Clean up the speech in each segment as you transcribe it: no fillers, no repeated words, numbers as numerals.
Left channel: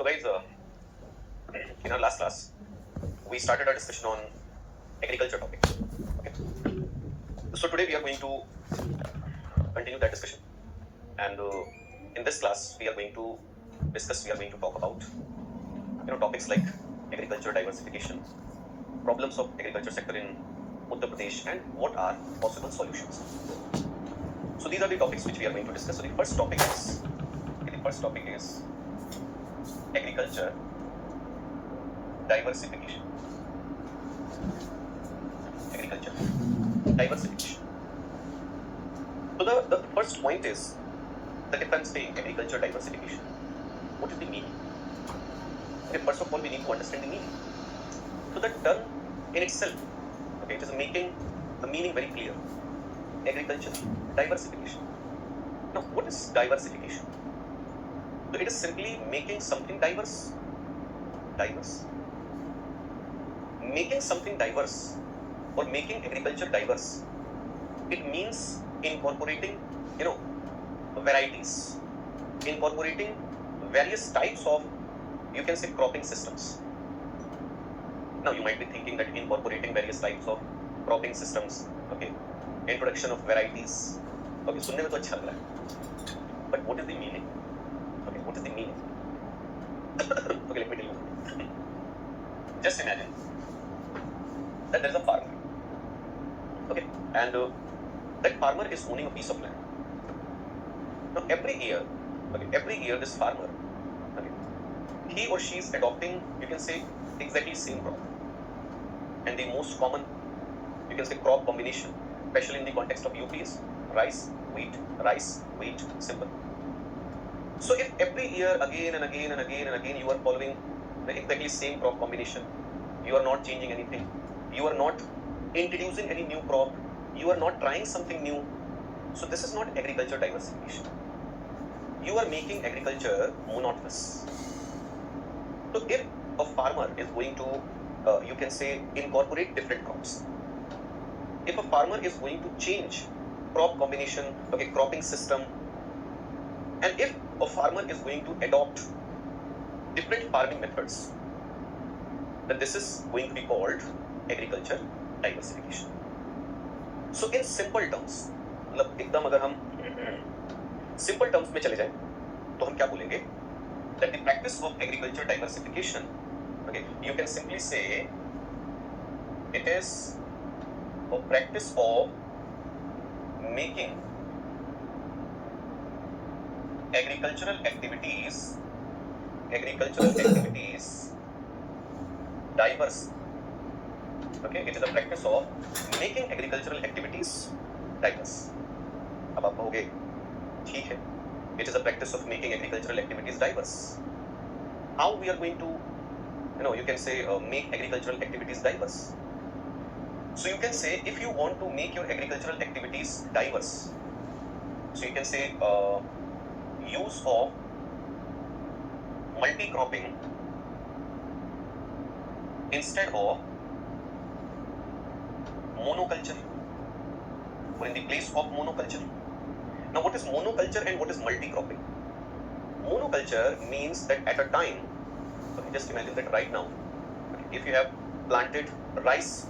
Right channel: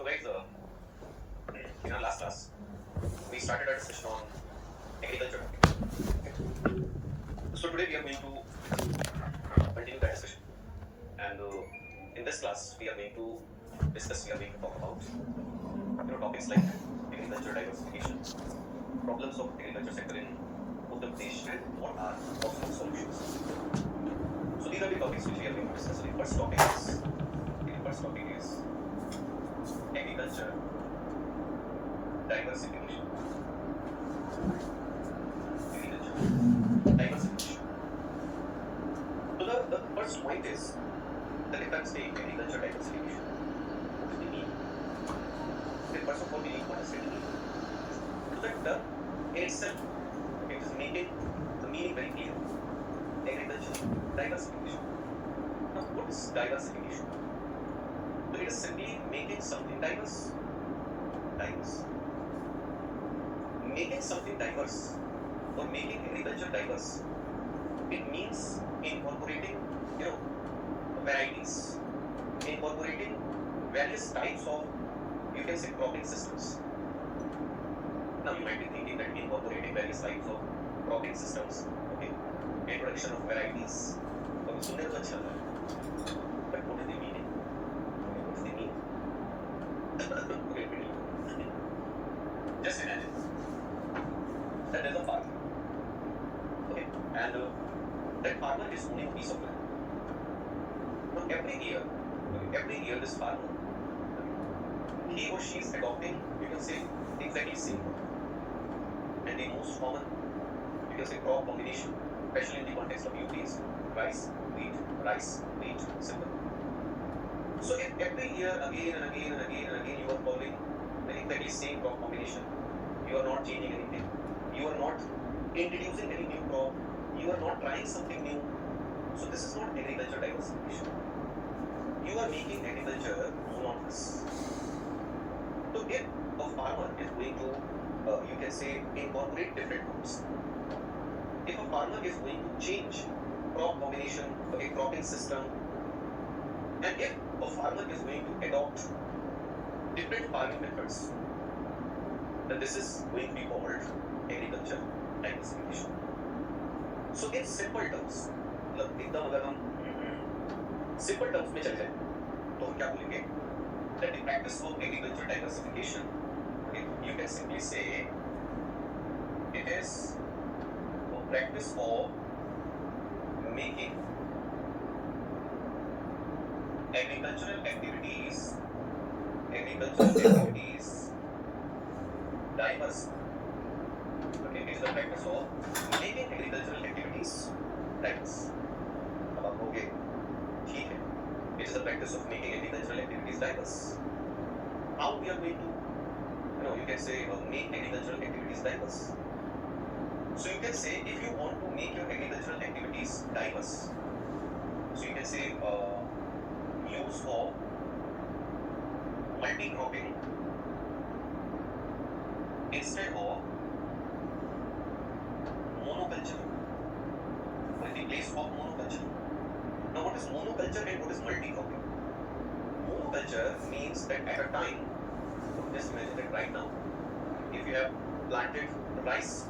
So guys, in our last class, we started our discussion on agriculture topic. Okay. So today we are going to continue that discussion, and in this class we are going to talk about topics like agriculture diversification, problems of agriculture sector in Uttar Pradesh, and what are possible solutions. So these are the topics which we are going to discuss. So the first topic is agriculture diversification. Agriculture diversification. So the first point is that if I'm saying agriculture diversification, what is the meaning? Okay, first of all, we need to understand the meaning. So that term in itself, okay, it is making the meaning very clear. Agriculture diversification. Now, what is diversification? So it is simply making something diverse. Making something diverse or making agriculture diverse, it means incorporating, varieties, incorporating various types of, you can say, cropping systems. Now you might be thinking that incorporating various types of cropping systems, okay, introduction of varieties, okay, सुनने में तो अच्छा लग रहा है, but what is the meaning? Okay, what is the meaning? Okay, let me tell you. Just imagine that there is a farmer, okay, and that farmer is owning a piece of land. Now every year this farmer, okay, he or she is adopting, you can say, exactly same crop, and the most common, you can say, crop combination, especially in the context of UP, is rice, wheat, simple. So if every year again and again you are following the exactly same crop combination, you are not changing anything, you are not introducing any new crop, you are not trying something new, so this is not agriculture diversification. You are making agriculture monotonous. So if a farmer is going to, you can say, incorporate different crops, if a farmer is going to change crop combination, okay, cropping system, and if a farmer is going to adopt different farming methods, then this is going to be called agriculture diversification. So in simple terms, मतलब एकदम अगर हम simple terms में चले जाएं, तो हम क्या बोलेंगे? That the practice of agriculture diversification, okay, you can simply say it is a practice of making agricultural activities diverse. Okay, it is a practice of making agricultural activities diverse. अब आप कहोगे ठीक है, it is a practice of making agricultural activities diverse. How we are going to, you can say, make agricultural activities diverse? So you can say, if you want to make your agricultural activities diverse, so you can say use of multi-cropping instead of monoculture, or in the place of monoculture. Now what is monoculture and what is multi-cropping? Monoculture means that at a time, so just imagine that right now, if you have planted rice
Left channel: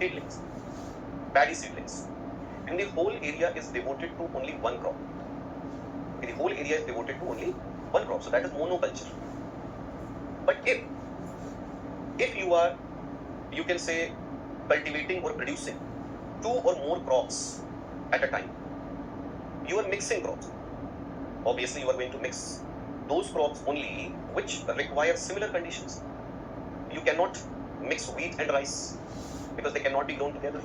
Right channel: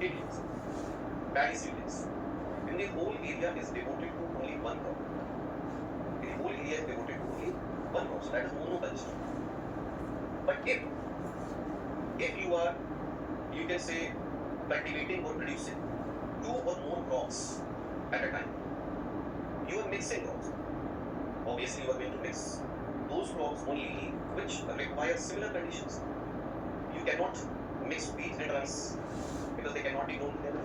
seedlings, paddy seedlings, and the whole area is devoted to only one crop. The whole area is devoted to only one crop, so that is monoculture. But if you are, you can say, cultivating or producing two or more crops at a time, you are mixing crops. Obviously, you are going to mix those crops only which require similar conditions. You cannot mix wheat and rice because they cannot be grown together.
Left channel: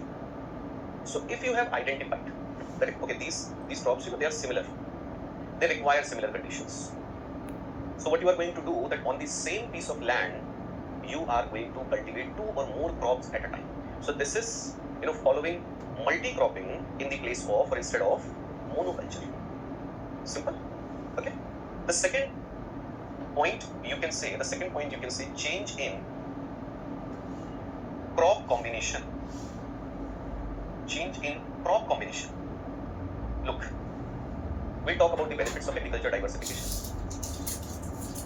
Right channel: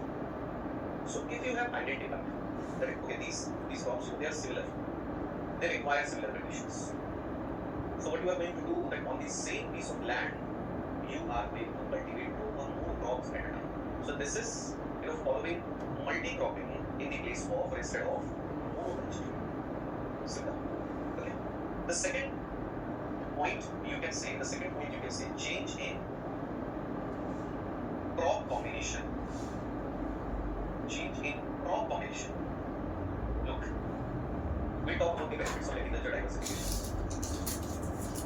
So if you have identified that, okay, these crops, they are similar, they require similar conditions. So what you are going to do, that on the same piece of land, you are going to cultivate two or more crops at a time. So this is, following multi-cropping in the place of, or instead of, monoculture. Simple. Okay. The second point you can say change in crop combination. Change in crop combination. Look, we talk about the benefits of agriculture diversification.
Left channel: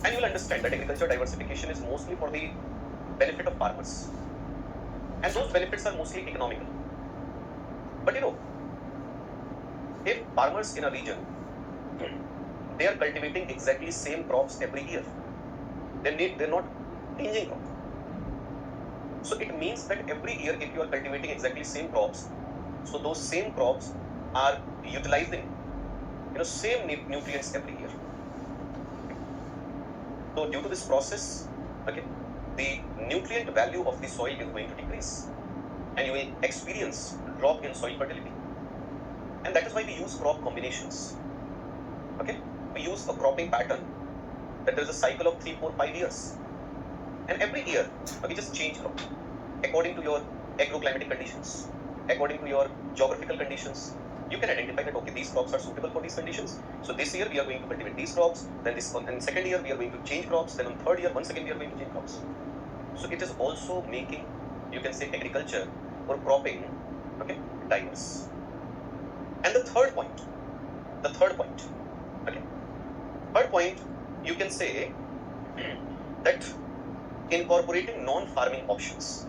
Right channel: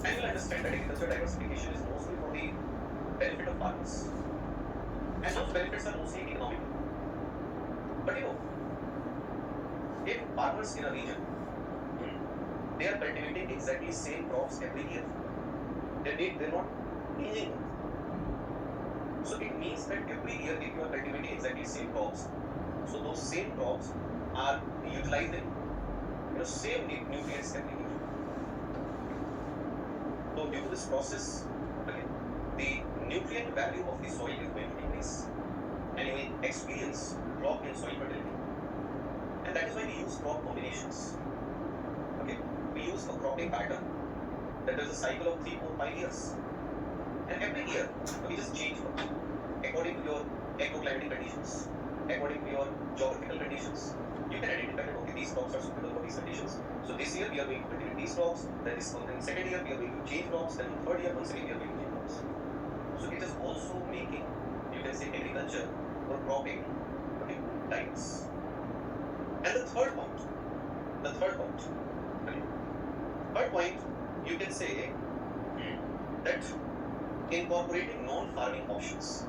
And you will understand that agriculture diversification is mostly for the benefit of farmers. And those benefits are mostly economical. But if farmers in a region, they are cultivating exactly same crops every year, then they're not changing them. So it means that every year if you are cultivating exactly same crops, so those same crops are utilizing same nutrients every year. So due to this process, okay, the nutrient value of the soil is going to decrease and you will experience drop in soil fertility. And that is why we use crop combinations. Okay, we use a cropping pattern that there is a cycle of 3, 4, 5 years. And every year, we just change crop according to your agroclimatic conditions, according to your geographical conditions. You can identify that okay, these crops are suitable for these conditions. So this year we are going to cultivate these crops. Then this one, and second year we are going to change crops. Then on third year, once again we are going to change crops. So it is also making, you can say, agriculture or cropping, okay, diverse. And the third point, okay, third point, you can say that incorporating non-farming options,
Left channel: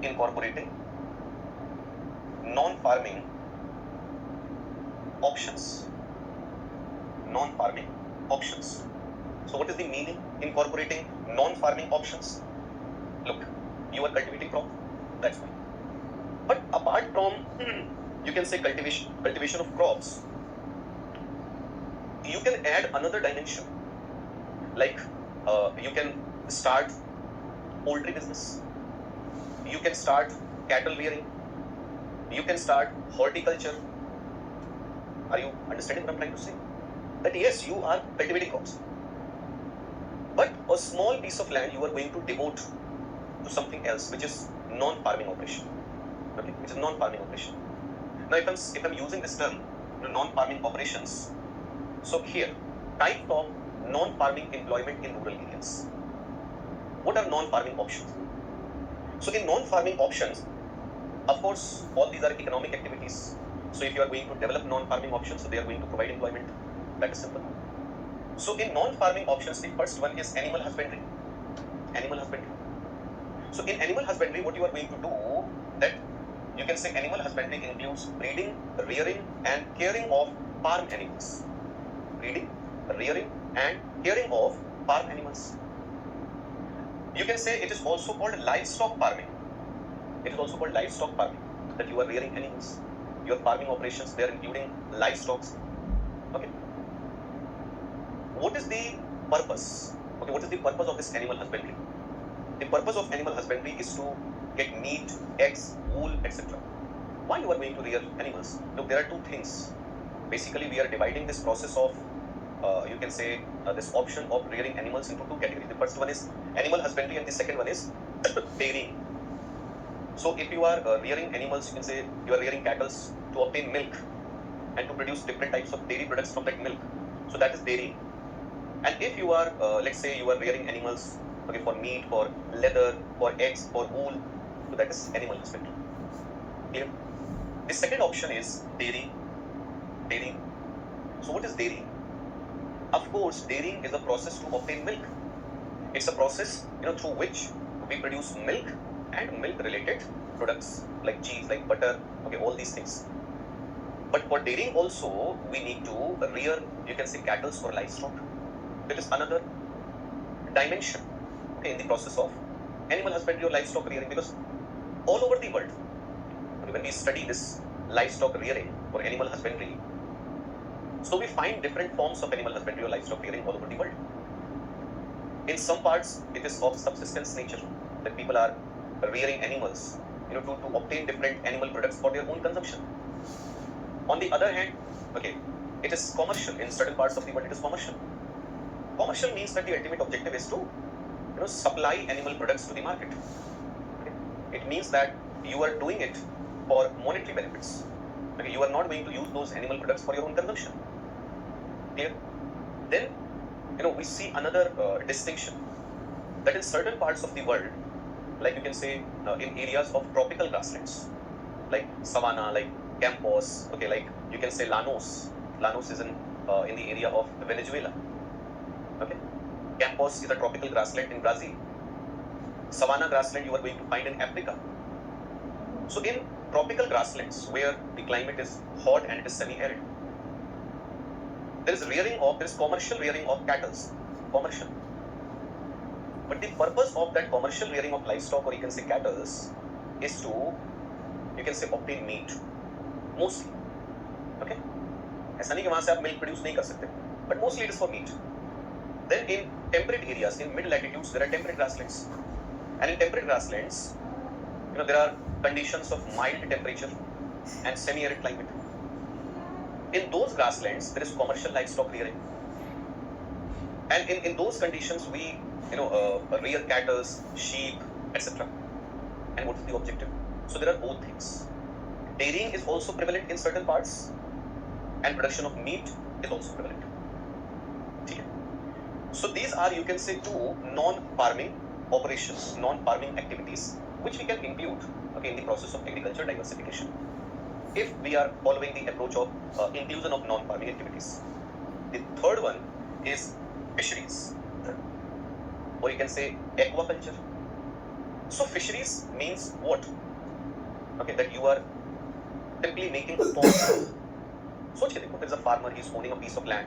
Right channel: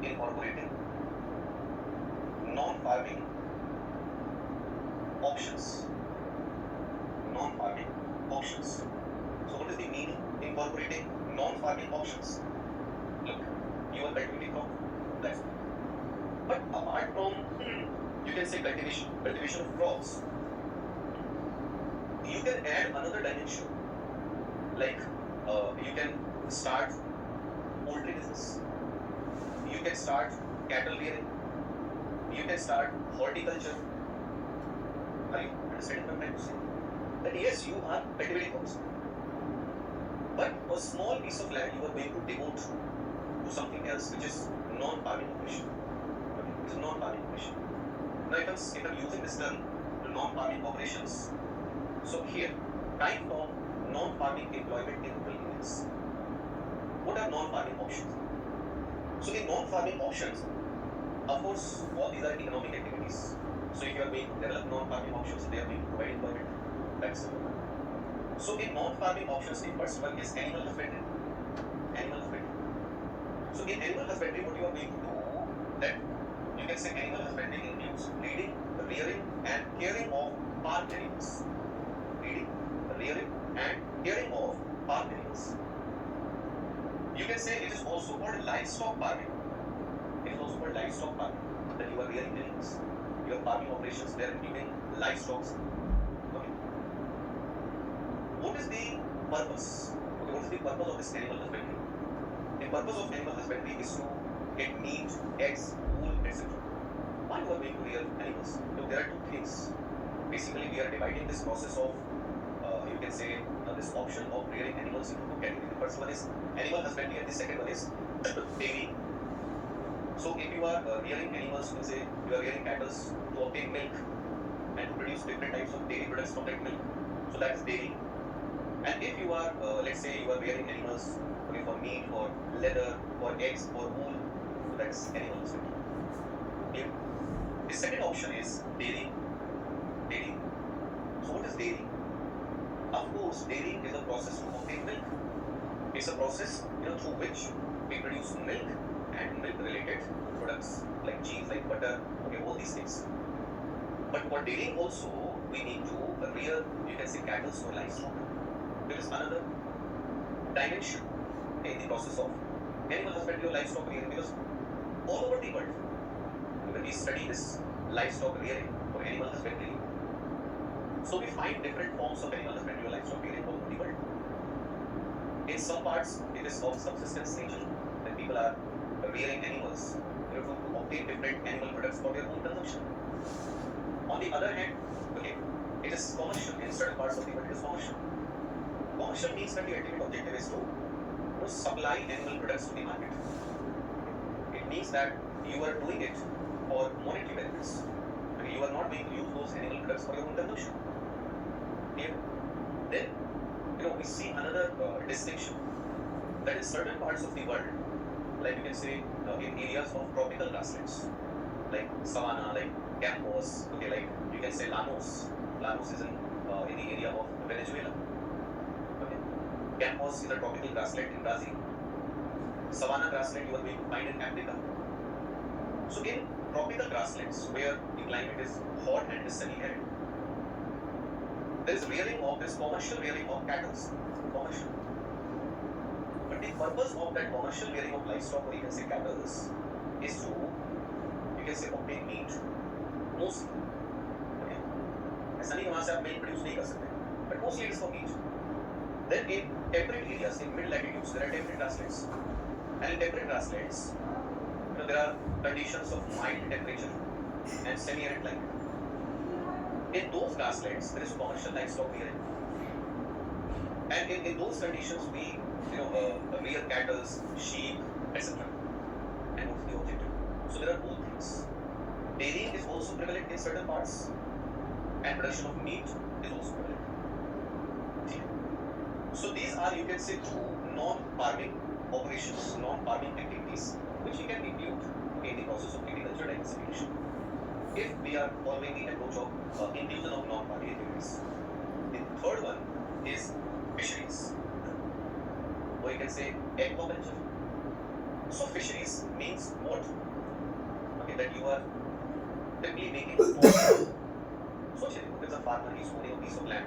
non-farming options. So what is the meaning incorporating non-farming options? Look, you are cultivating crop, that's fine. But apart from, you can say cultivation of crops, you can add another dimension. Like you can start poultry business, you can start cattle rearing, you can start horticulture. Are you understanding what I'm trying to say? That yes, you are cultivating crops, but a small piece of land you are going to devote to something else, which is non-farming operation. Okay, it's a non-farming operation. Now, if I'm using this term, non-farming operations, so here, type of non-farming employment in rural areas. What are non-farming options? So in non-farming options, of course, all these are economic activities. So if you are going to develop non-farming options, so they are going to provide employment. That is simple. So in non-farming options, the first one is animal husbandry. So in animal husbandry, what you are going to do, that you can say animal husbandry includes breeding, rearing, and caring of farm animals. Breeding, rearing, and caring of farm animals. You can say it is also called livestock farming. That you are rearing animals. Your farming operations, they are including livestock. Okay. What is the purpose? Okay, what is the purpose of this animal husbandry? The purpose of animal husbandry is to get meat, eggs, wool, etc. Why you are going to rear animals? Look, there are two things. Basically, we are dividing this process of, you can say, this option of rearing animals into two categories. The first one is animal husbandry, and the second one is dairying. So, if you are rearing animals, you can say you are rearing cattle to obtain milk and to produce different types of dairy products from that milk. So that is dairying. And if you are, let's say, you are rearing animals, okay, for meat, for leather, for eggs, for wool, so that is animal husbandry. Clear? The second option is dairying. So what is dairying? Of course, dairying is a process to obtain milk. It's a process, through which we produce milk and milk-related products like cheese, like butter, okay, all these things. But for dairying also, we need to rear, you can say, cattle for livestock. There is another dimension, okay, in the process of animal husbandry or livestock rearing, because all over the world, when we study this livestock rearing or animal husbandry, so we find different forms of animal husbandry or livestock rearing all over the world. In some parts, it is of subsistence nature, that people are rearing animals, to obtain different animal products for their own consumption. On the other hand, okay, it is commercial. In certain parts of the world, it is commercial. Commercial means that the ultimate objective is to, supply animal products to the market. Okay? It means that you are doing it for monetary benefits. Okay? You are not going to use those animal products for your own consumption. Clear? Then, we see another distinction, that in certain parts of the world, like you can say in areas of tropical grasslands, like savanna, like Campos, okay, like you can say Llanos. Llanos is in the area of Venezuela. Okay, Campos is a tropical grassland in Brazil. Savanna grassland you are going to find in Africa. So in tropical grasslands where the climate is hot and is semi-arid, there is commercial rearing of cattle, commercial. But the purpose of that commercial rearing of livestock, or you can say cattle, is to, you can say, obtain meat, mostly. Okay? ऐसा नहीं कि वहाँ से आप milk produce नहीं कर सकते, but mostly it is for meat. Then in temperate areas, in mid latitudes, there are temperate grasslands, and in temperate grasslands, there are conditions of mild temperature and semi-arid climate. In those grasslands, there is commercial livestock rearing, and in those conditions, we rear cattle, sheep, etc. And what is the objective? So there are both things. Dairying is also prevalent in certain parts, and production of meat is also prevalent. So these are, you can say, two non-farming operations, non-farming activities, which we can include in the process of agriculture diversification, if we are following the approach of inclusion of non-farming activities. The third one is fisheries, or you can say aquaculture. So fisheries means what? That you are simply making a pond. So there's a farmer, he's owning a piece of land.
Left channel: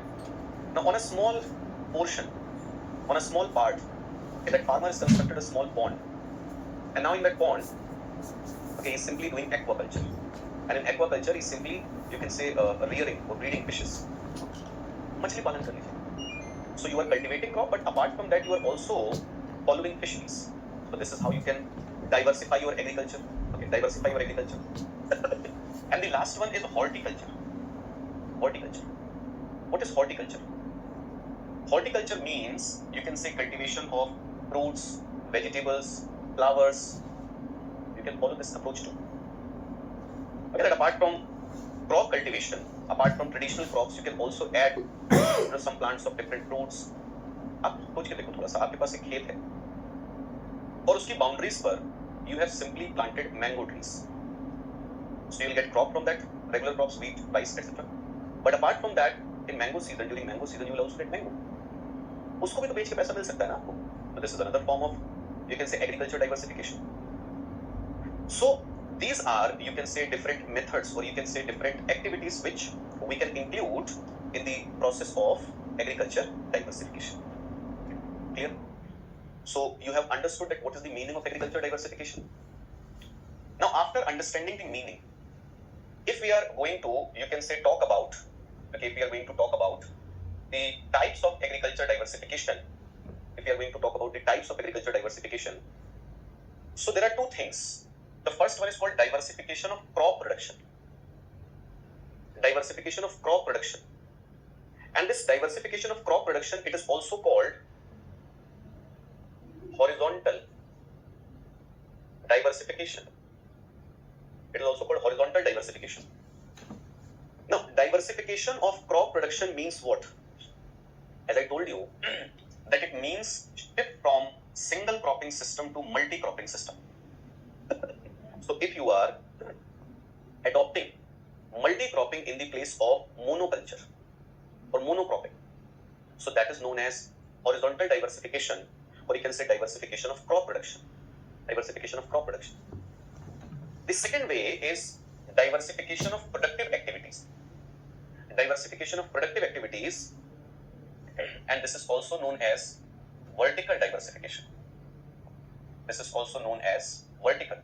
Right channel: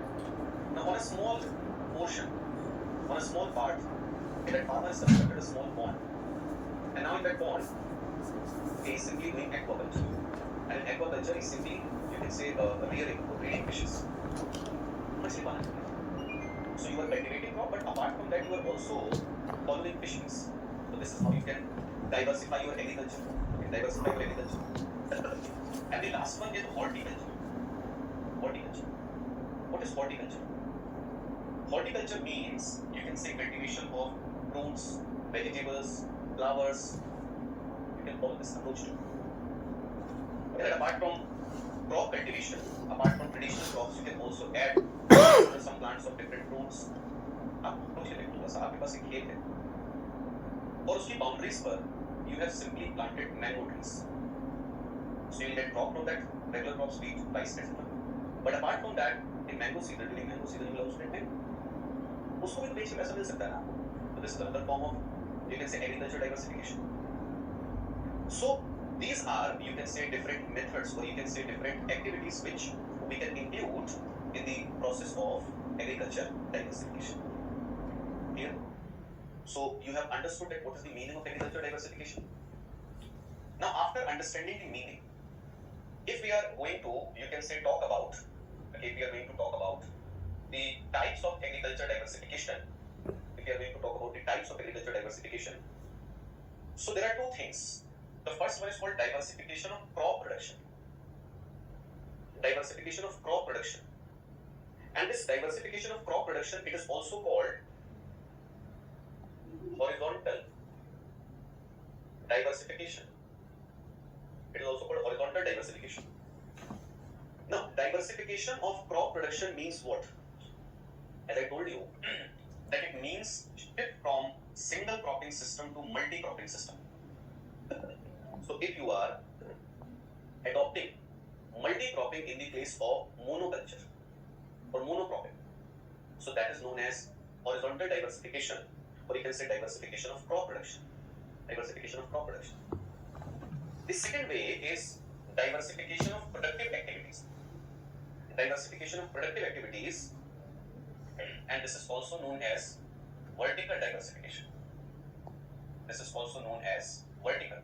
Now on a small portion, on a small part, that farmer has constructed a small pond. And now in that pond, he's simply doing aquaculture. And in aquaculture, he's simply, you can say, rearing or breeding fishes. Machli palan karne. So you are cultivating crop, but apart from that, you are also following fisheries. So this is how you can diversify your agriculture. Diversify your agriculture. And the last one is horticulture. Horticulture. What is horticulture? Horticulture means, you can say, cultivation of fruits, vegetables, flowers. You can follow this approach too. That apart from crop cultivation, apart from traditional crops, you can also add some plants of different fruits. आप सोच के देखो थोड़ा सा, आपके पास एक खेत है और उसकी boundaries पर you have simply planted mango trees. So you will get crop from that, regular crops, wheat, rice, etc. But apart from that, in mango season, during mango season, you will also get mango. उसको भी तो बेच के पैसा मिल सकता है ना आपको. So this is another form of, you can say, agriculture diversification. So these are, you can say, different methods, or you can say different activities which we can include in the process of agriculture diversification. Clear? So you have understood that what is the meaning of agriculture diversification. Now after understanding the meaning, if we are going to, you can say, talk about, if we are going to talk about the types of agriculture diversification, so there are two things. The first one is called diversification of crop production. Diversification of crop production. And this diversification of crop production, it is also called horizontal diversification. It is also called horizontal diversification. Now, diversification of crop production means what? As I told you, that it means shift from single cropping system to multi-cropping system. So if you are adopting multi-cropping in the place of monoculture or monocropping, so that is known as horizontal diversification, or you can say diversification of crop production. Diversification of crop production. The second way is diversification of productive activities. Diversification of productive activities, and this is also known as vertical diversification. This is also known as vertical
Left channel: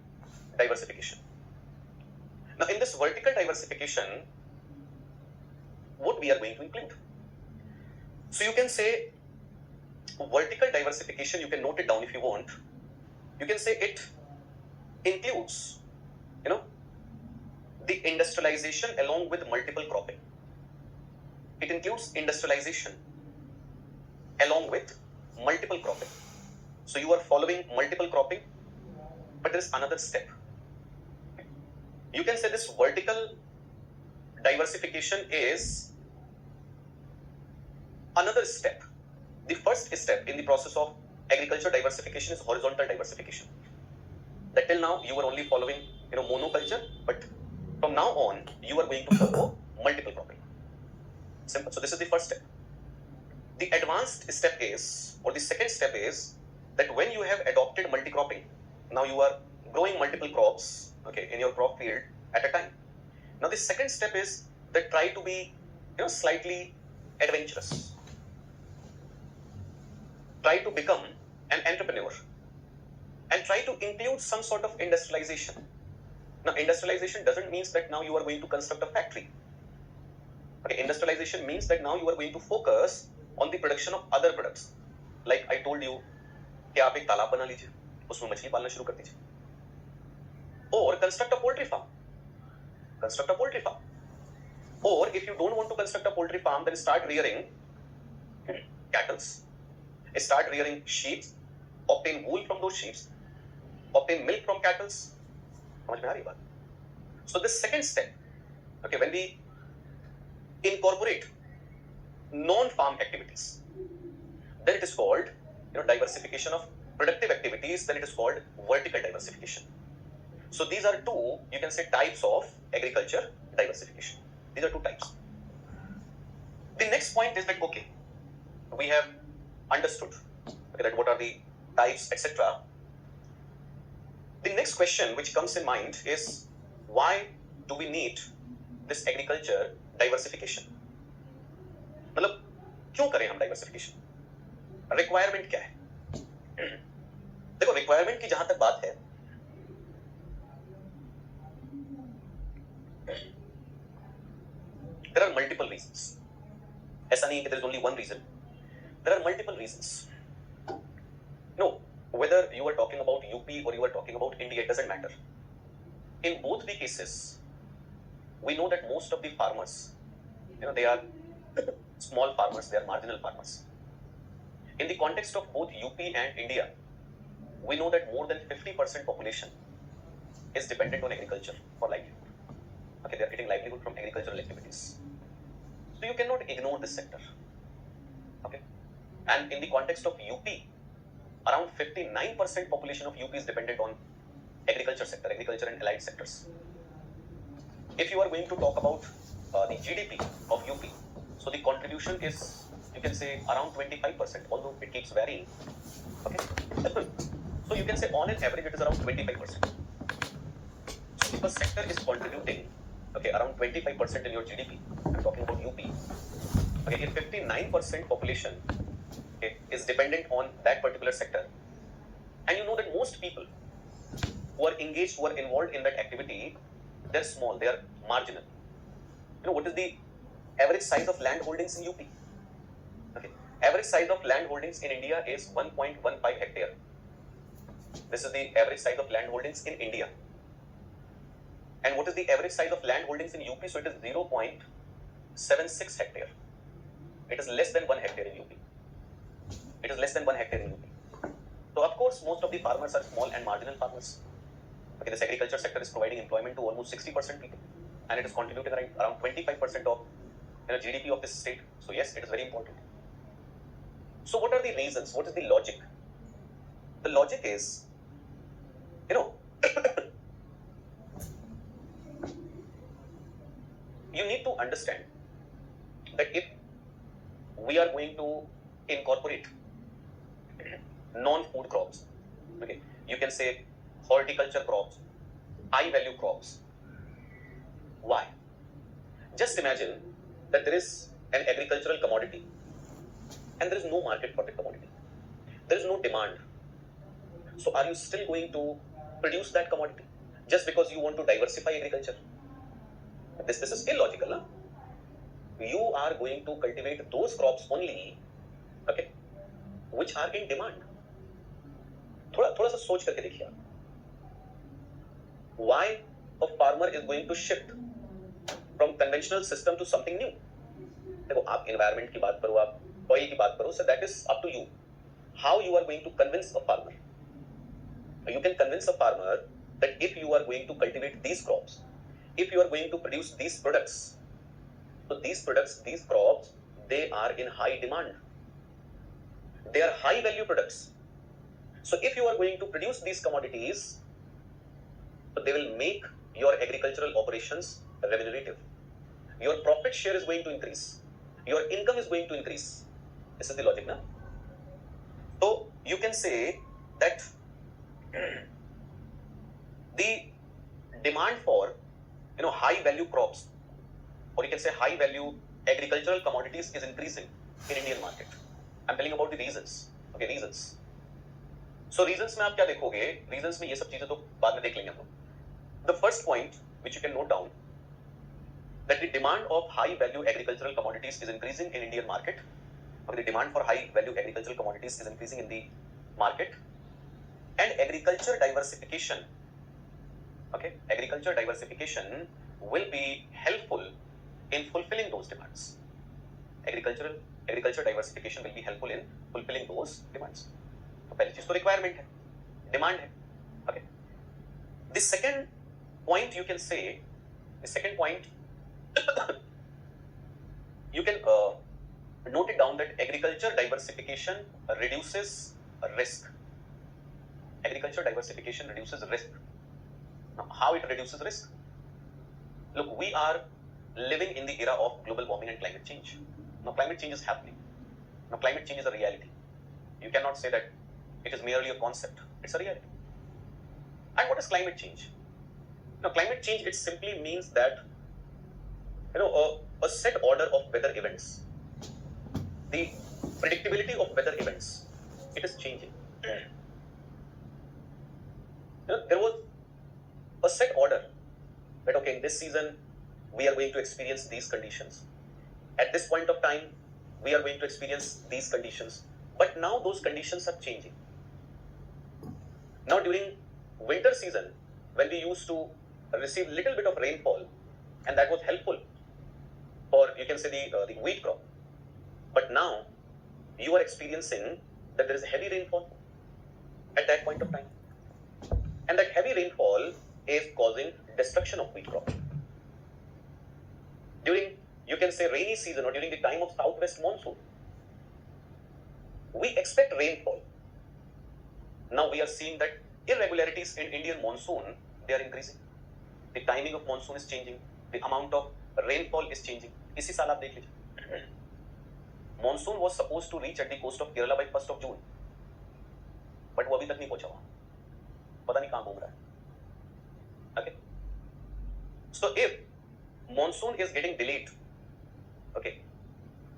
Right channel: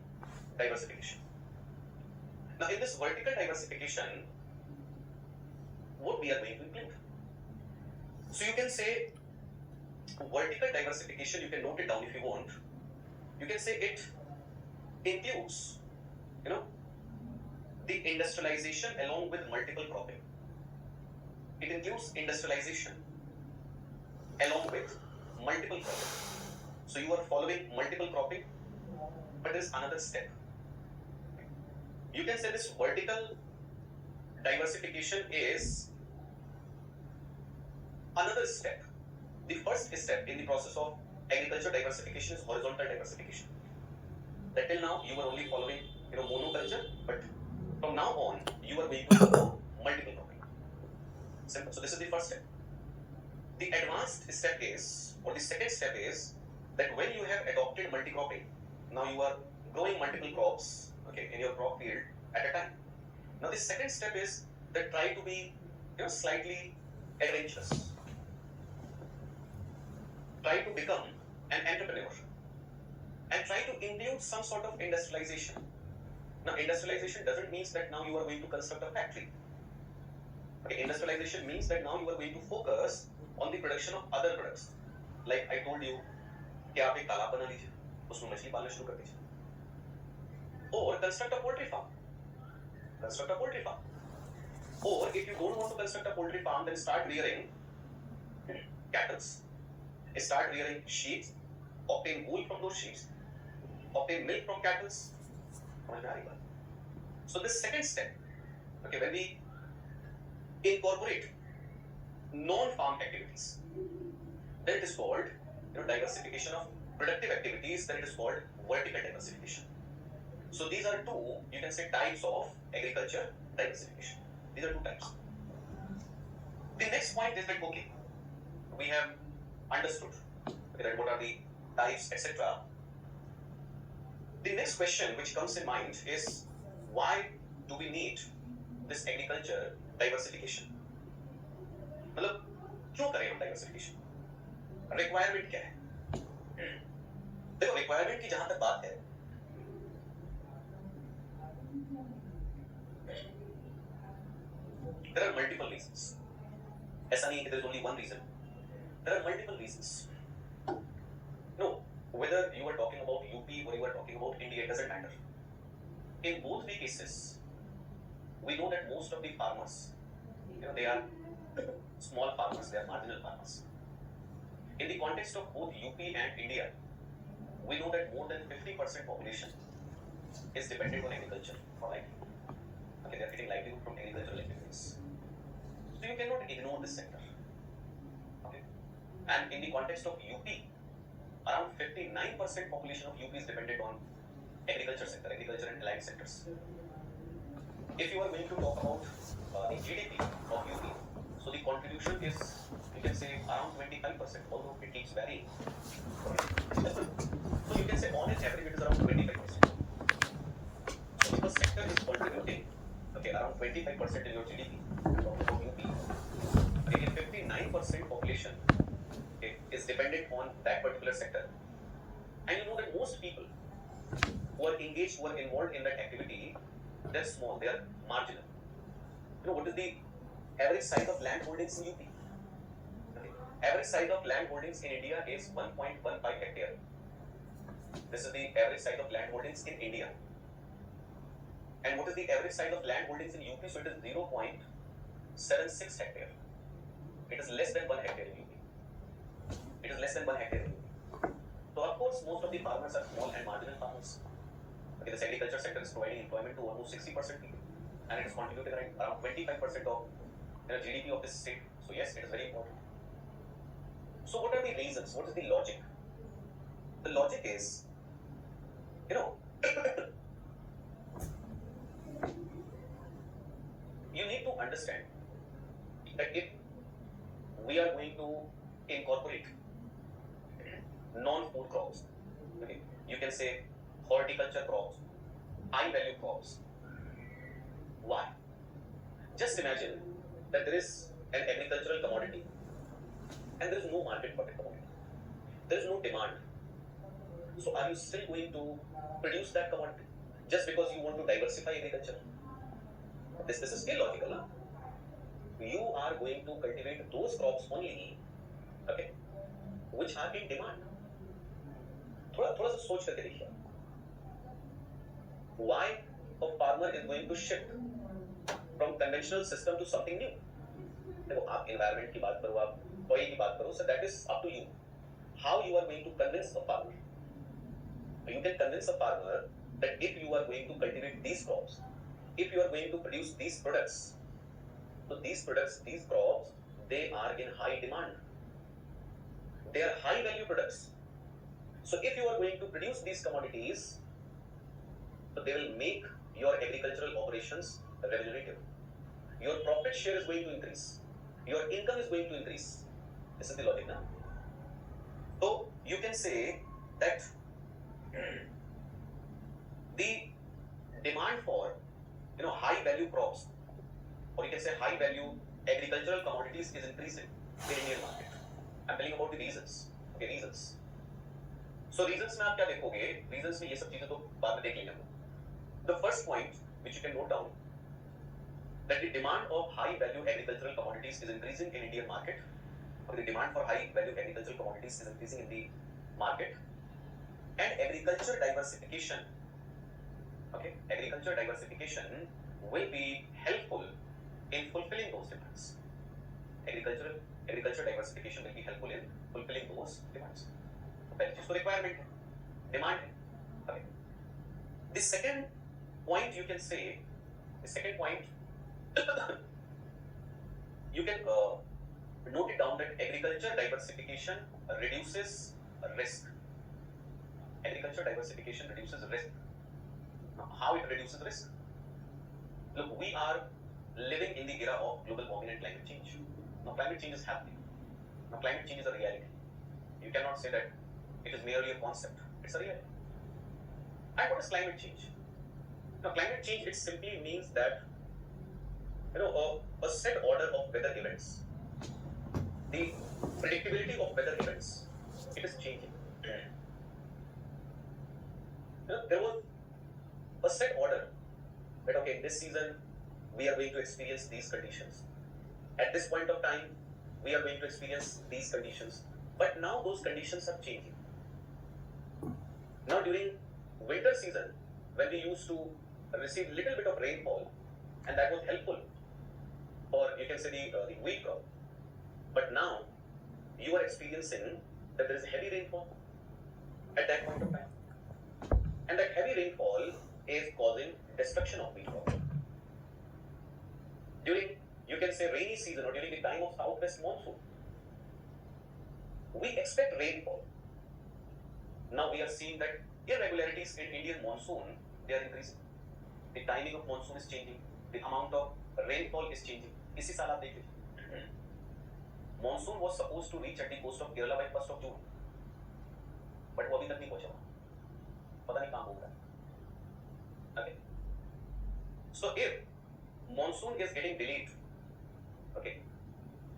diversification. Now in this vertical diversification, what we are going to include? So you can say vertical diversification, you can note it down if you want. You can say it includes, the industrialization along with multiple cropping. It includes industrialization along with multiple cropping. So you are following multiple cropping, but there is another step. You can say this vertical diversification is another step. The first step in the process of agriculture diversification is horizontal diversification. That till now you were only following, monoculture, but from now on you are going to follow multiple cropping. Simple. So this is the first step. The advanced step is, or the second step is, that when you have adopted multi-cropping, now you are growing multiple crops, okay, in your crop field at a time. Now the second step is that try to be, slightly adventurous. Try to become an entrepreneur and try to include some sort of industrialization. Now industrialization doesn't mean that now you are going to construct a factory. Okay, industrialization means that now you are going to focus on the production of other products. Like I told you, कि आप एक तालाब बना लीजिए, उसमें मछली पालना शुरू कर दीजिए. Or construct a poultry farm. Construct a poultry farm. Or if you don't want to construct a poultry farm, then start rearing cattle. Start rearing sheep. Obtain wool from those sheep. Obtain milk from cattle. समझ में आ रही बात? So this second step, okay, when we incorporate non-farm activities, then it is called, diversification of productive activities. Then it is called vertical diversification. So these are two, you can say, types of agriculture diversification. These are two types. The next point is that, okay, we have understood, okay, that what are the types, etc. The next question which comes in mind is, why do we need this agriculture diversification? मतलब क्यों करें हम diversification? Requirement क्या है? देखो, requirement की जहां तक बात है, there are multiple reasons. ऐसा नहीं कि there is only one reason. There are multiple reasons. No, whether you are talking about UP or you are talking about India, it doesn't matter. In both the cases, we know that most of the farmers, they are small farmers, they are marginal farmers. In the context of both UP and India, we know that more than 50% population is dependent on agriculture for livelihood. Okay, they are getting livelihood from agricultural activities. So you cannot ignore this sector. Okay, and in the context of UP, around 59% population of UP is dependent on agriculture sector, agriculture and allied sectors. If you are going to talk about the GDP of UP, so the contribution is, you can say, around 25%, although it keeps varying. Okay, so you can say on an average it is around 25%. So if a sector is contributing, okay, around 25% in your GDP, I'm talking about UP. Okay, if 59% population, okay, is dependent on that particular sector, and you know that most people who are engaged, who are involved in that activity, they're small, they are marginal. What is the average size of land holdings in UP? Okay, average size of land holdings in India is 1.15 hectare. This is the average size of land holdings in India. And what is the average size of land holdings in UP? So it is 0.76 hectare. It is less than 1 hectare in UP. It is less than 1 hectare in UP. So of course, most of the farmers are small and marginal farmers. Okay, this agriculture sector is providing employment to almost 60% people, and it is contributing around 25% of GDP of this state. So yes, it is very important. So what are the reasons? What is the logic? The logic is, you need to understand that if we are going to incorporate non-food crops, okay, you can say horticulture crops, high value crops. Why? Just imagine that there is an agricultural commodity and there is no market for the commodity. There is no demand. So are you still going to produce that commodity just because you want to diversify agriculture? This is illogical, huh? You are going to cultivate those crops only, okay, which are in demand. थोड़ा सा सोच करके देखिए. Why a farmer is going to shift from conventional system to something new? देखो, आप environment की बात करो, आप oil की बात करो, so that is up to you. How you are going to convince a farmer? You can convince a farmer that if you are going to cultivate these crops, if you are going to produce these products, so these products, these crops, they are in high demand. They are high value products. So if you are going to produce these commodities, so they will make your agricultural operations remunerative. Your profit share is going to increase. Your income is going to increase. This is the logic, na? So you can say that the demand for high value crops, or you can say high value agricultural commodities, is increasing in Indian market. I'm telling about the reasons. Okay, reasons. So reasons में आप क्या देखोगे? Reasons में ये सब चीजें तो बाद में देख लेंगे हम लोग. The first point which you can note down, that the demand of high value agricultural commodities is increasing in Indian market. Okay, the demand for high value agricultural commodities is increasing in the market, and agriculture diversification. Okay, agriculture diversification will be helpful in fulfilling those demands. Agriculture diversification will be helpful in fulfilling those demands. तो पहली चीज तो requirement है, demand है. Okay. The second point you can say, you can note it down, that agriculture diversification reduces risk. Agriculture diversification reduces risk. Now, how it reduces risk? Look, we are living in the era of global warming and climate change. Now, climate change is happening. Now, climate change is a reality. You cannot say that it is merely a concept. It's a reality. And what is climate change? Now, climate change, it simply means that a set order of weather events. The predictability of weather events, it is changing. There was a set order that, okay, in this season we are going to experience these conditions. At this point of time, we are going to experience these conditions. But now those conditions are changing. Now during winter season, when we used to receive little bit of rainfall, and that was helpful for, you can say, the wheat crop. But now you are experiencing that there is heavy rainfall at that point of time. And that heavy rainfall is causing destruction of wheat crop. During, you can say, rainy season, or during the time of southwest monsoon, we expect rainfall. Now we are seeing that irregularities in Indian monsoon, they are increasing. The timing of monsoon is changing. The amount of rainfall is changing. इसी साल आप देख लीजिए. Monsoon was supposed to reach at the coast of Kerala by 1st of June, but वो अभी तक नहीं पहुंचा वहां. पता नहीं कहां घूम रहा है. Okay. So if monsoon is getting delayed, okay,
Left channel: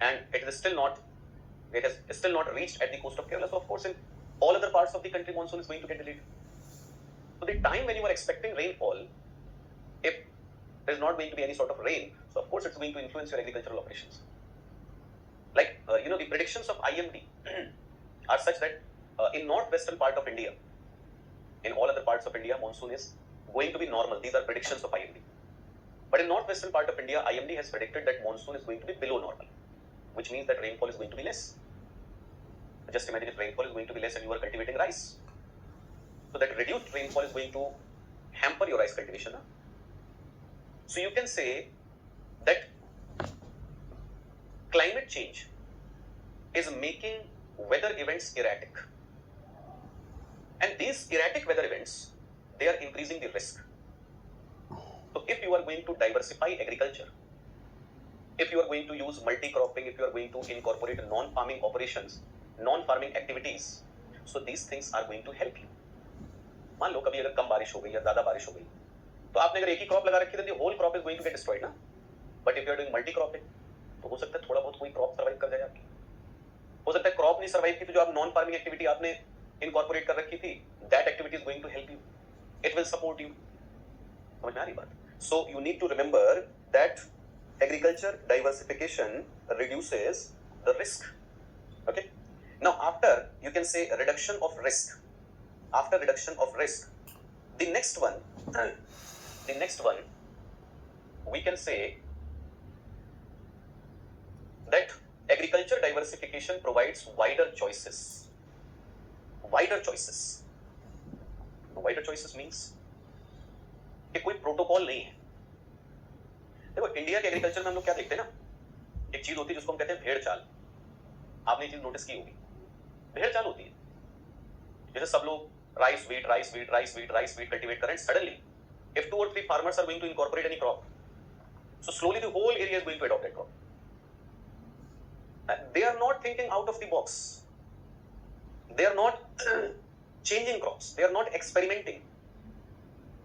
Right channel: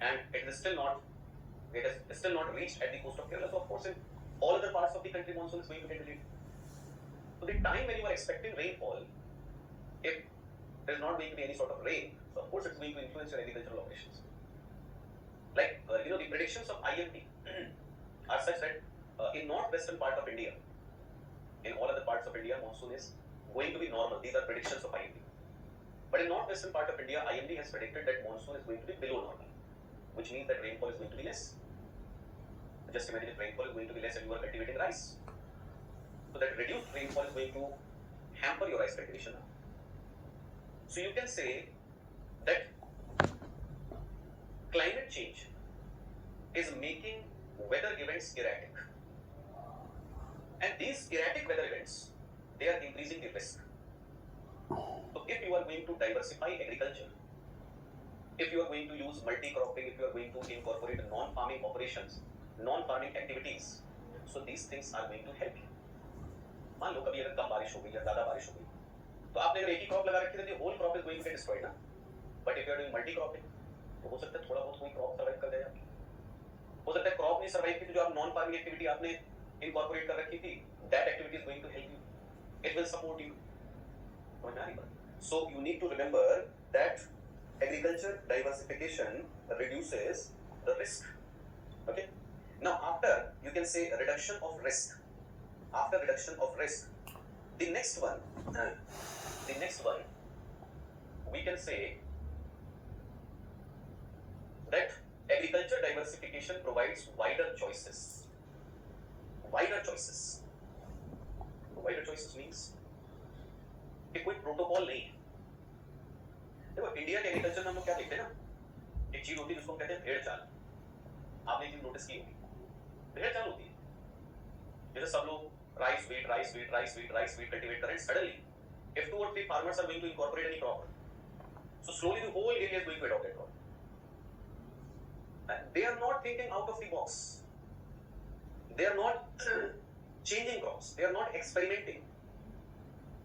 and it has still not reached at the coast of Kerala, so of course in all other parts of the country monsoon is going to get delayed. So the time when you are expecting rainfall, if there is not going to be any sort of rain, so of course it's going to influence your agricultural operations. Like the predictions of IMD are such that in northwestern part of India, in all other parts of India, monsoon is going to be normal. These are predictions of IMD. But in northwestern part of India, IMD has predicted that monsoon is going to be below normal, which means that rainfall is going to be less. Just imagine if rainfall is going to be less and you are cultivating rice. So that reduced rainfall is going to hamper your rice cultivation. Huh? So you can say that climate change is making weather events erratic. And these erratic weather events, they are increasing the risk. So if you are going to diversify agriculture, if you are going to use multi-cropping, if you are going to incorporate non-farming operations, non-farming activities, so these things are going to help you. मान लो कभी अगर कम बारिश हो गई या ज्यादा बारिश हो गई, तो आपने अगर एक ही क्रॉप लगा रखी है तो whole crop is going to get destroyed ना. But if you are doing multi cropping, तो हो सकता है थोड़ा बहुत कोई क्रॉप सर्वाइव कर जाए आपकी. हो सकता है क्रॉप नहीं सर्वाइव की, तो जो आप नॉन फार्मिंग एक्टिविटी आपने इनकॉर्पोरेट कर रखी थी, that activity is going to help you. It will support you. समझ में आ रही बात? So you need to remember that agriculture diversification reduces the risk. Okay. Now after, you can say, reduction of risk. After reduction of risk, the next one, we can say that agriculture diversification provides wider choices. Wider choices. Wider choices means कि कोई protocol नहीं है. देखो India के agriculture में हम लोग क्या देखते हैं ना, एक चीज होती है जिसको हम कहते हैं भेड़ चाल. आपने ये चीज नोटिस की होगी, भेड़ चाल होती है. जैसे सब लोग राइस वीट कल्टीवेट करें, suddenly if 2 or 3 farmers are going to incorporate any crop, so slowly the whole area is going to adopt that crop. They are not thinking out of the box. They are not changing crops. They are not experimenting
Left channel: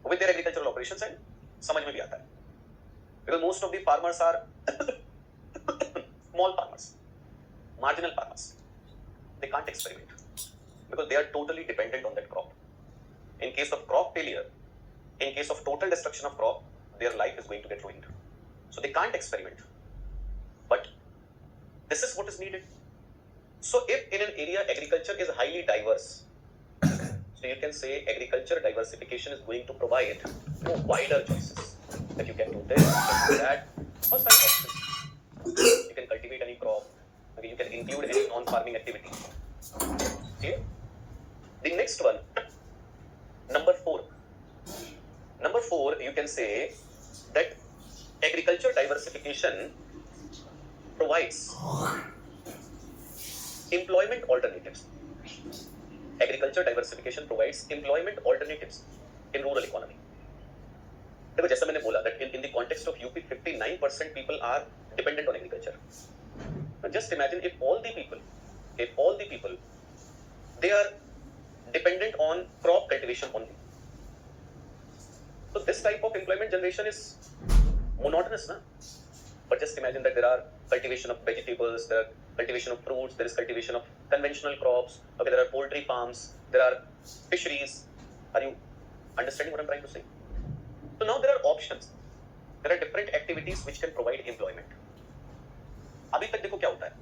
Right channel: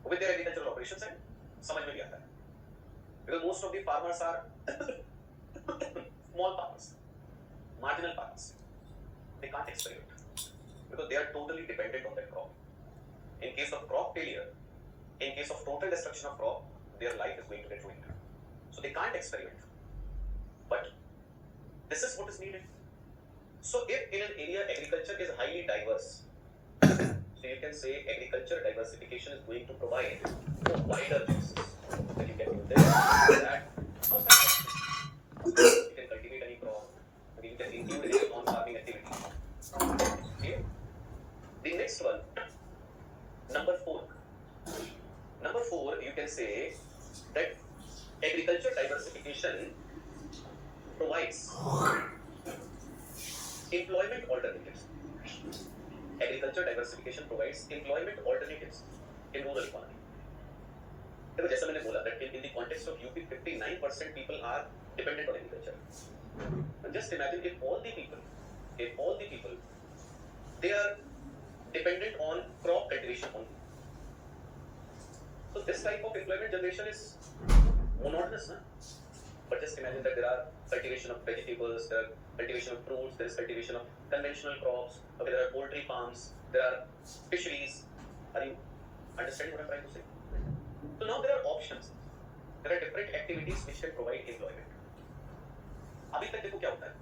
with their agricultural operations, and समझ में भी आता है. Because most of the farmers are small farmers, marginal farmers. They can't experiment because they are totally dependent on that crop. In case of crop failure, in case of total destruction of crop, their life is going to get ruined. So they can't experiment. But this is what is needed. So if in an area agriculture is highly diverse, so you can say agriculture diversification is going to provide wider choices. That you can do this, you can do that. How's that possible? You can cultivate any crop, you can include any non-farming activity. Okay? The next one, number 4. Number 4, you can say that agriculture diversification provides employment alternatives. Agriculture diversification provides employment alternatives in rural economy. देखो जैसा मैंने बोला that in the context of UP 59% people are dependent on agriculture. But just imagine if all the people they are dependent on crop cultivation only. So this type of employment generation is monotonous, na? But just imagine that there are cultivation of vegetables, there are cultivation of fruits, there is cultivation of conventional crops, okay, there are poultry farms, there are fisheries. Are you understanding what I'm trying to say? So now there are options. There are different activities which can provide employment. अभी तक देखो क्या होता है.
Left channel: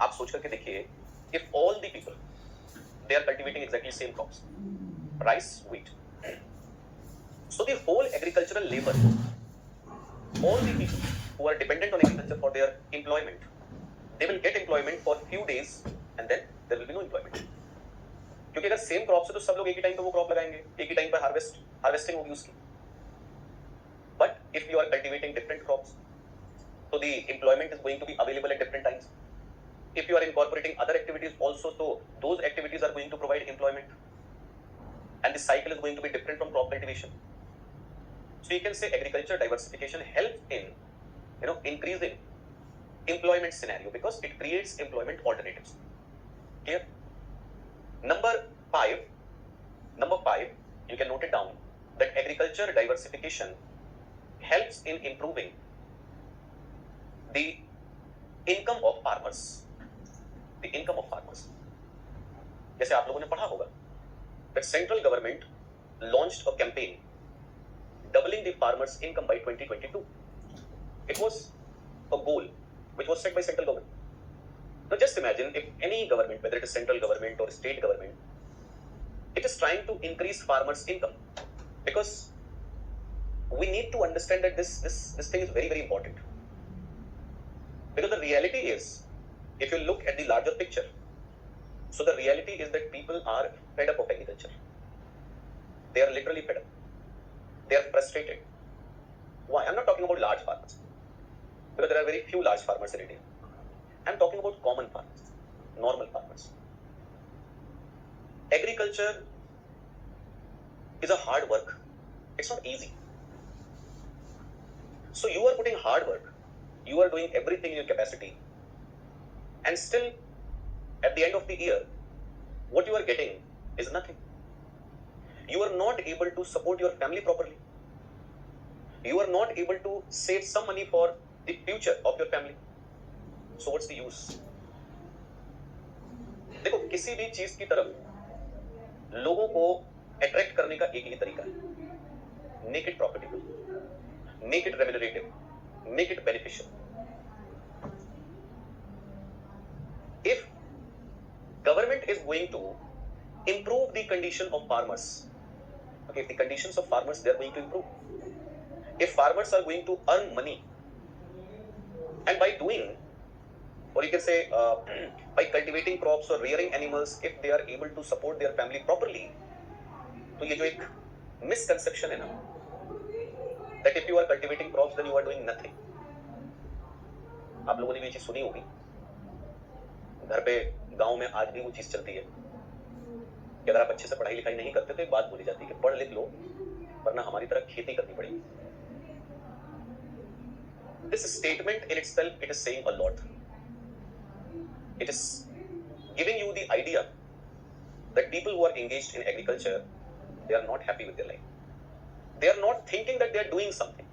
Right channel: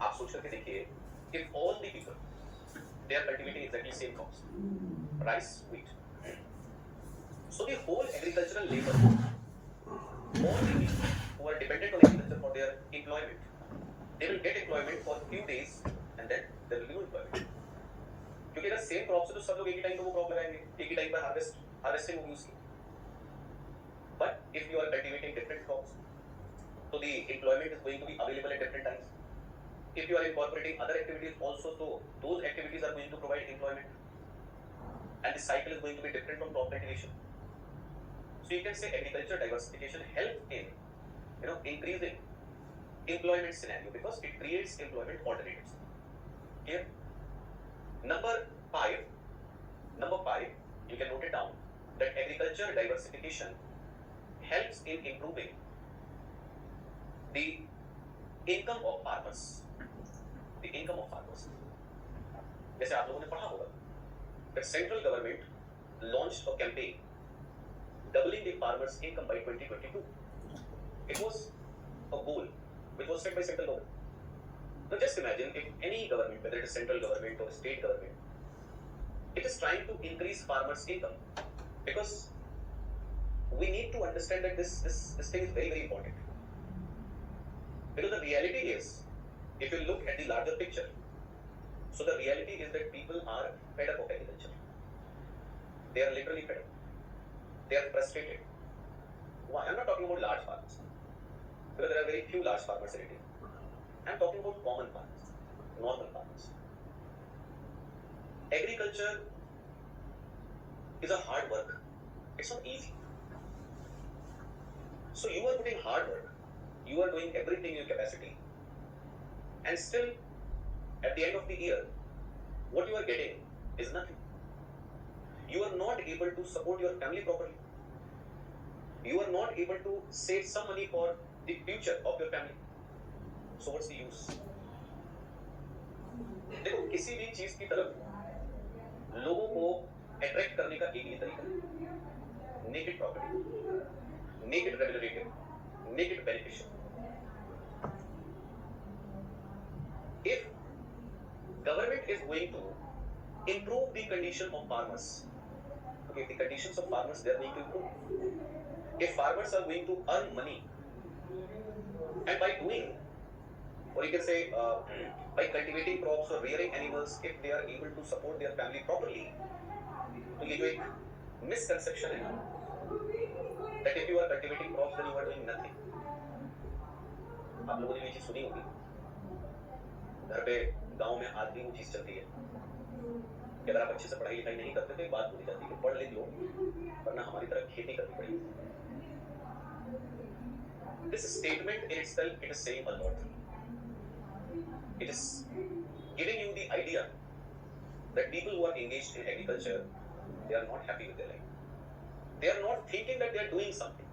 आप सोच करके देखिए, if all the people they are cultivating exactly same crops, rice, wheat. So the whole agricultural labor, all the people who are dependent on agriculture for their employment, they will get employment for few days and then there will be no employment. क्योंकि अगर same crop से तो सब लोग एक ही time पे वो crop लगाएंगे, एक ही टाइम पे हार्वेस्टिंग होगी उसकी. But if you are cultivating different crops, so the employment is going to be available at different times. If you are incorporating other activities also, so those activities are going to provide employment, and the cycle is going to be different from crop cultivation. So you can say agriculture diversification helps in increasing employment scenario because it creates employment alternatives. Clear? Number 5, you can note it down that agriculture diversification helps in improving the income of farmers. The income of farmers. जैसे आप लोगों ने पढ़ा होगा that central government launched a campaign doubling the farmers' income by 2022. It was a goal which was set by central government. Now just imagine if any government, whether it is central government or state government, it is trying to increase farmers' income, because we need to understand that this thing is very, very important. Because the reality is, if you look at the larger picture, so the reality is that people are fed up of agriculture. They are literally fed up. They are frustrated. Why? I'm not talking about large farmers, because there are very few large farmers in India. I'm talking about common farmers, normal farmers. Agriculture is a hard work. It's not easy. So you are putting hard work. You are doing everything in your capacity. And still, at the end of the year, what you are getting is nothing. You are not able to support your family properly. You are not able to save some money for the future of your family. So what's the use? देखो किसी भी चीज की तरफ लोगों को attract करने का एक ही तरीका है, make it profitable, make it remunerative, make it beneficial. If government is going to improve the condition of farmers, okay, if the conditions of farmers they are going to improve, if farmers are going to earn money, and by doing, or you can say by cultivating crops or rearing animals, if they are able to support their family properly, तो ये जो एक misconception है ना, that if you are cultivating crops then you are doing nothing. आप लोगों ने भी ये चीज सुनी होगी, घर पे गांव में आज भी वो चीज चलती है कि अगर आप अच्छे से पढ़ाई लिखाई नहीं करते तो एक बात बोली जाती है कि पढ़ लिख लो वरना हमारी तरह खेती करनी पड़ेगी. This statement in itself, it is saying a lot. It is giving you the idea that people who are engaged in agriculture, they are not happy with their life. They are not thinking that they are doing something.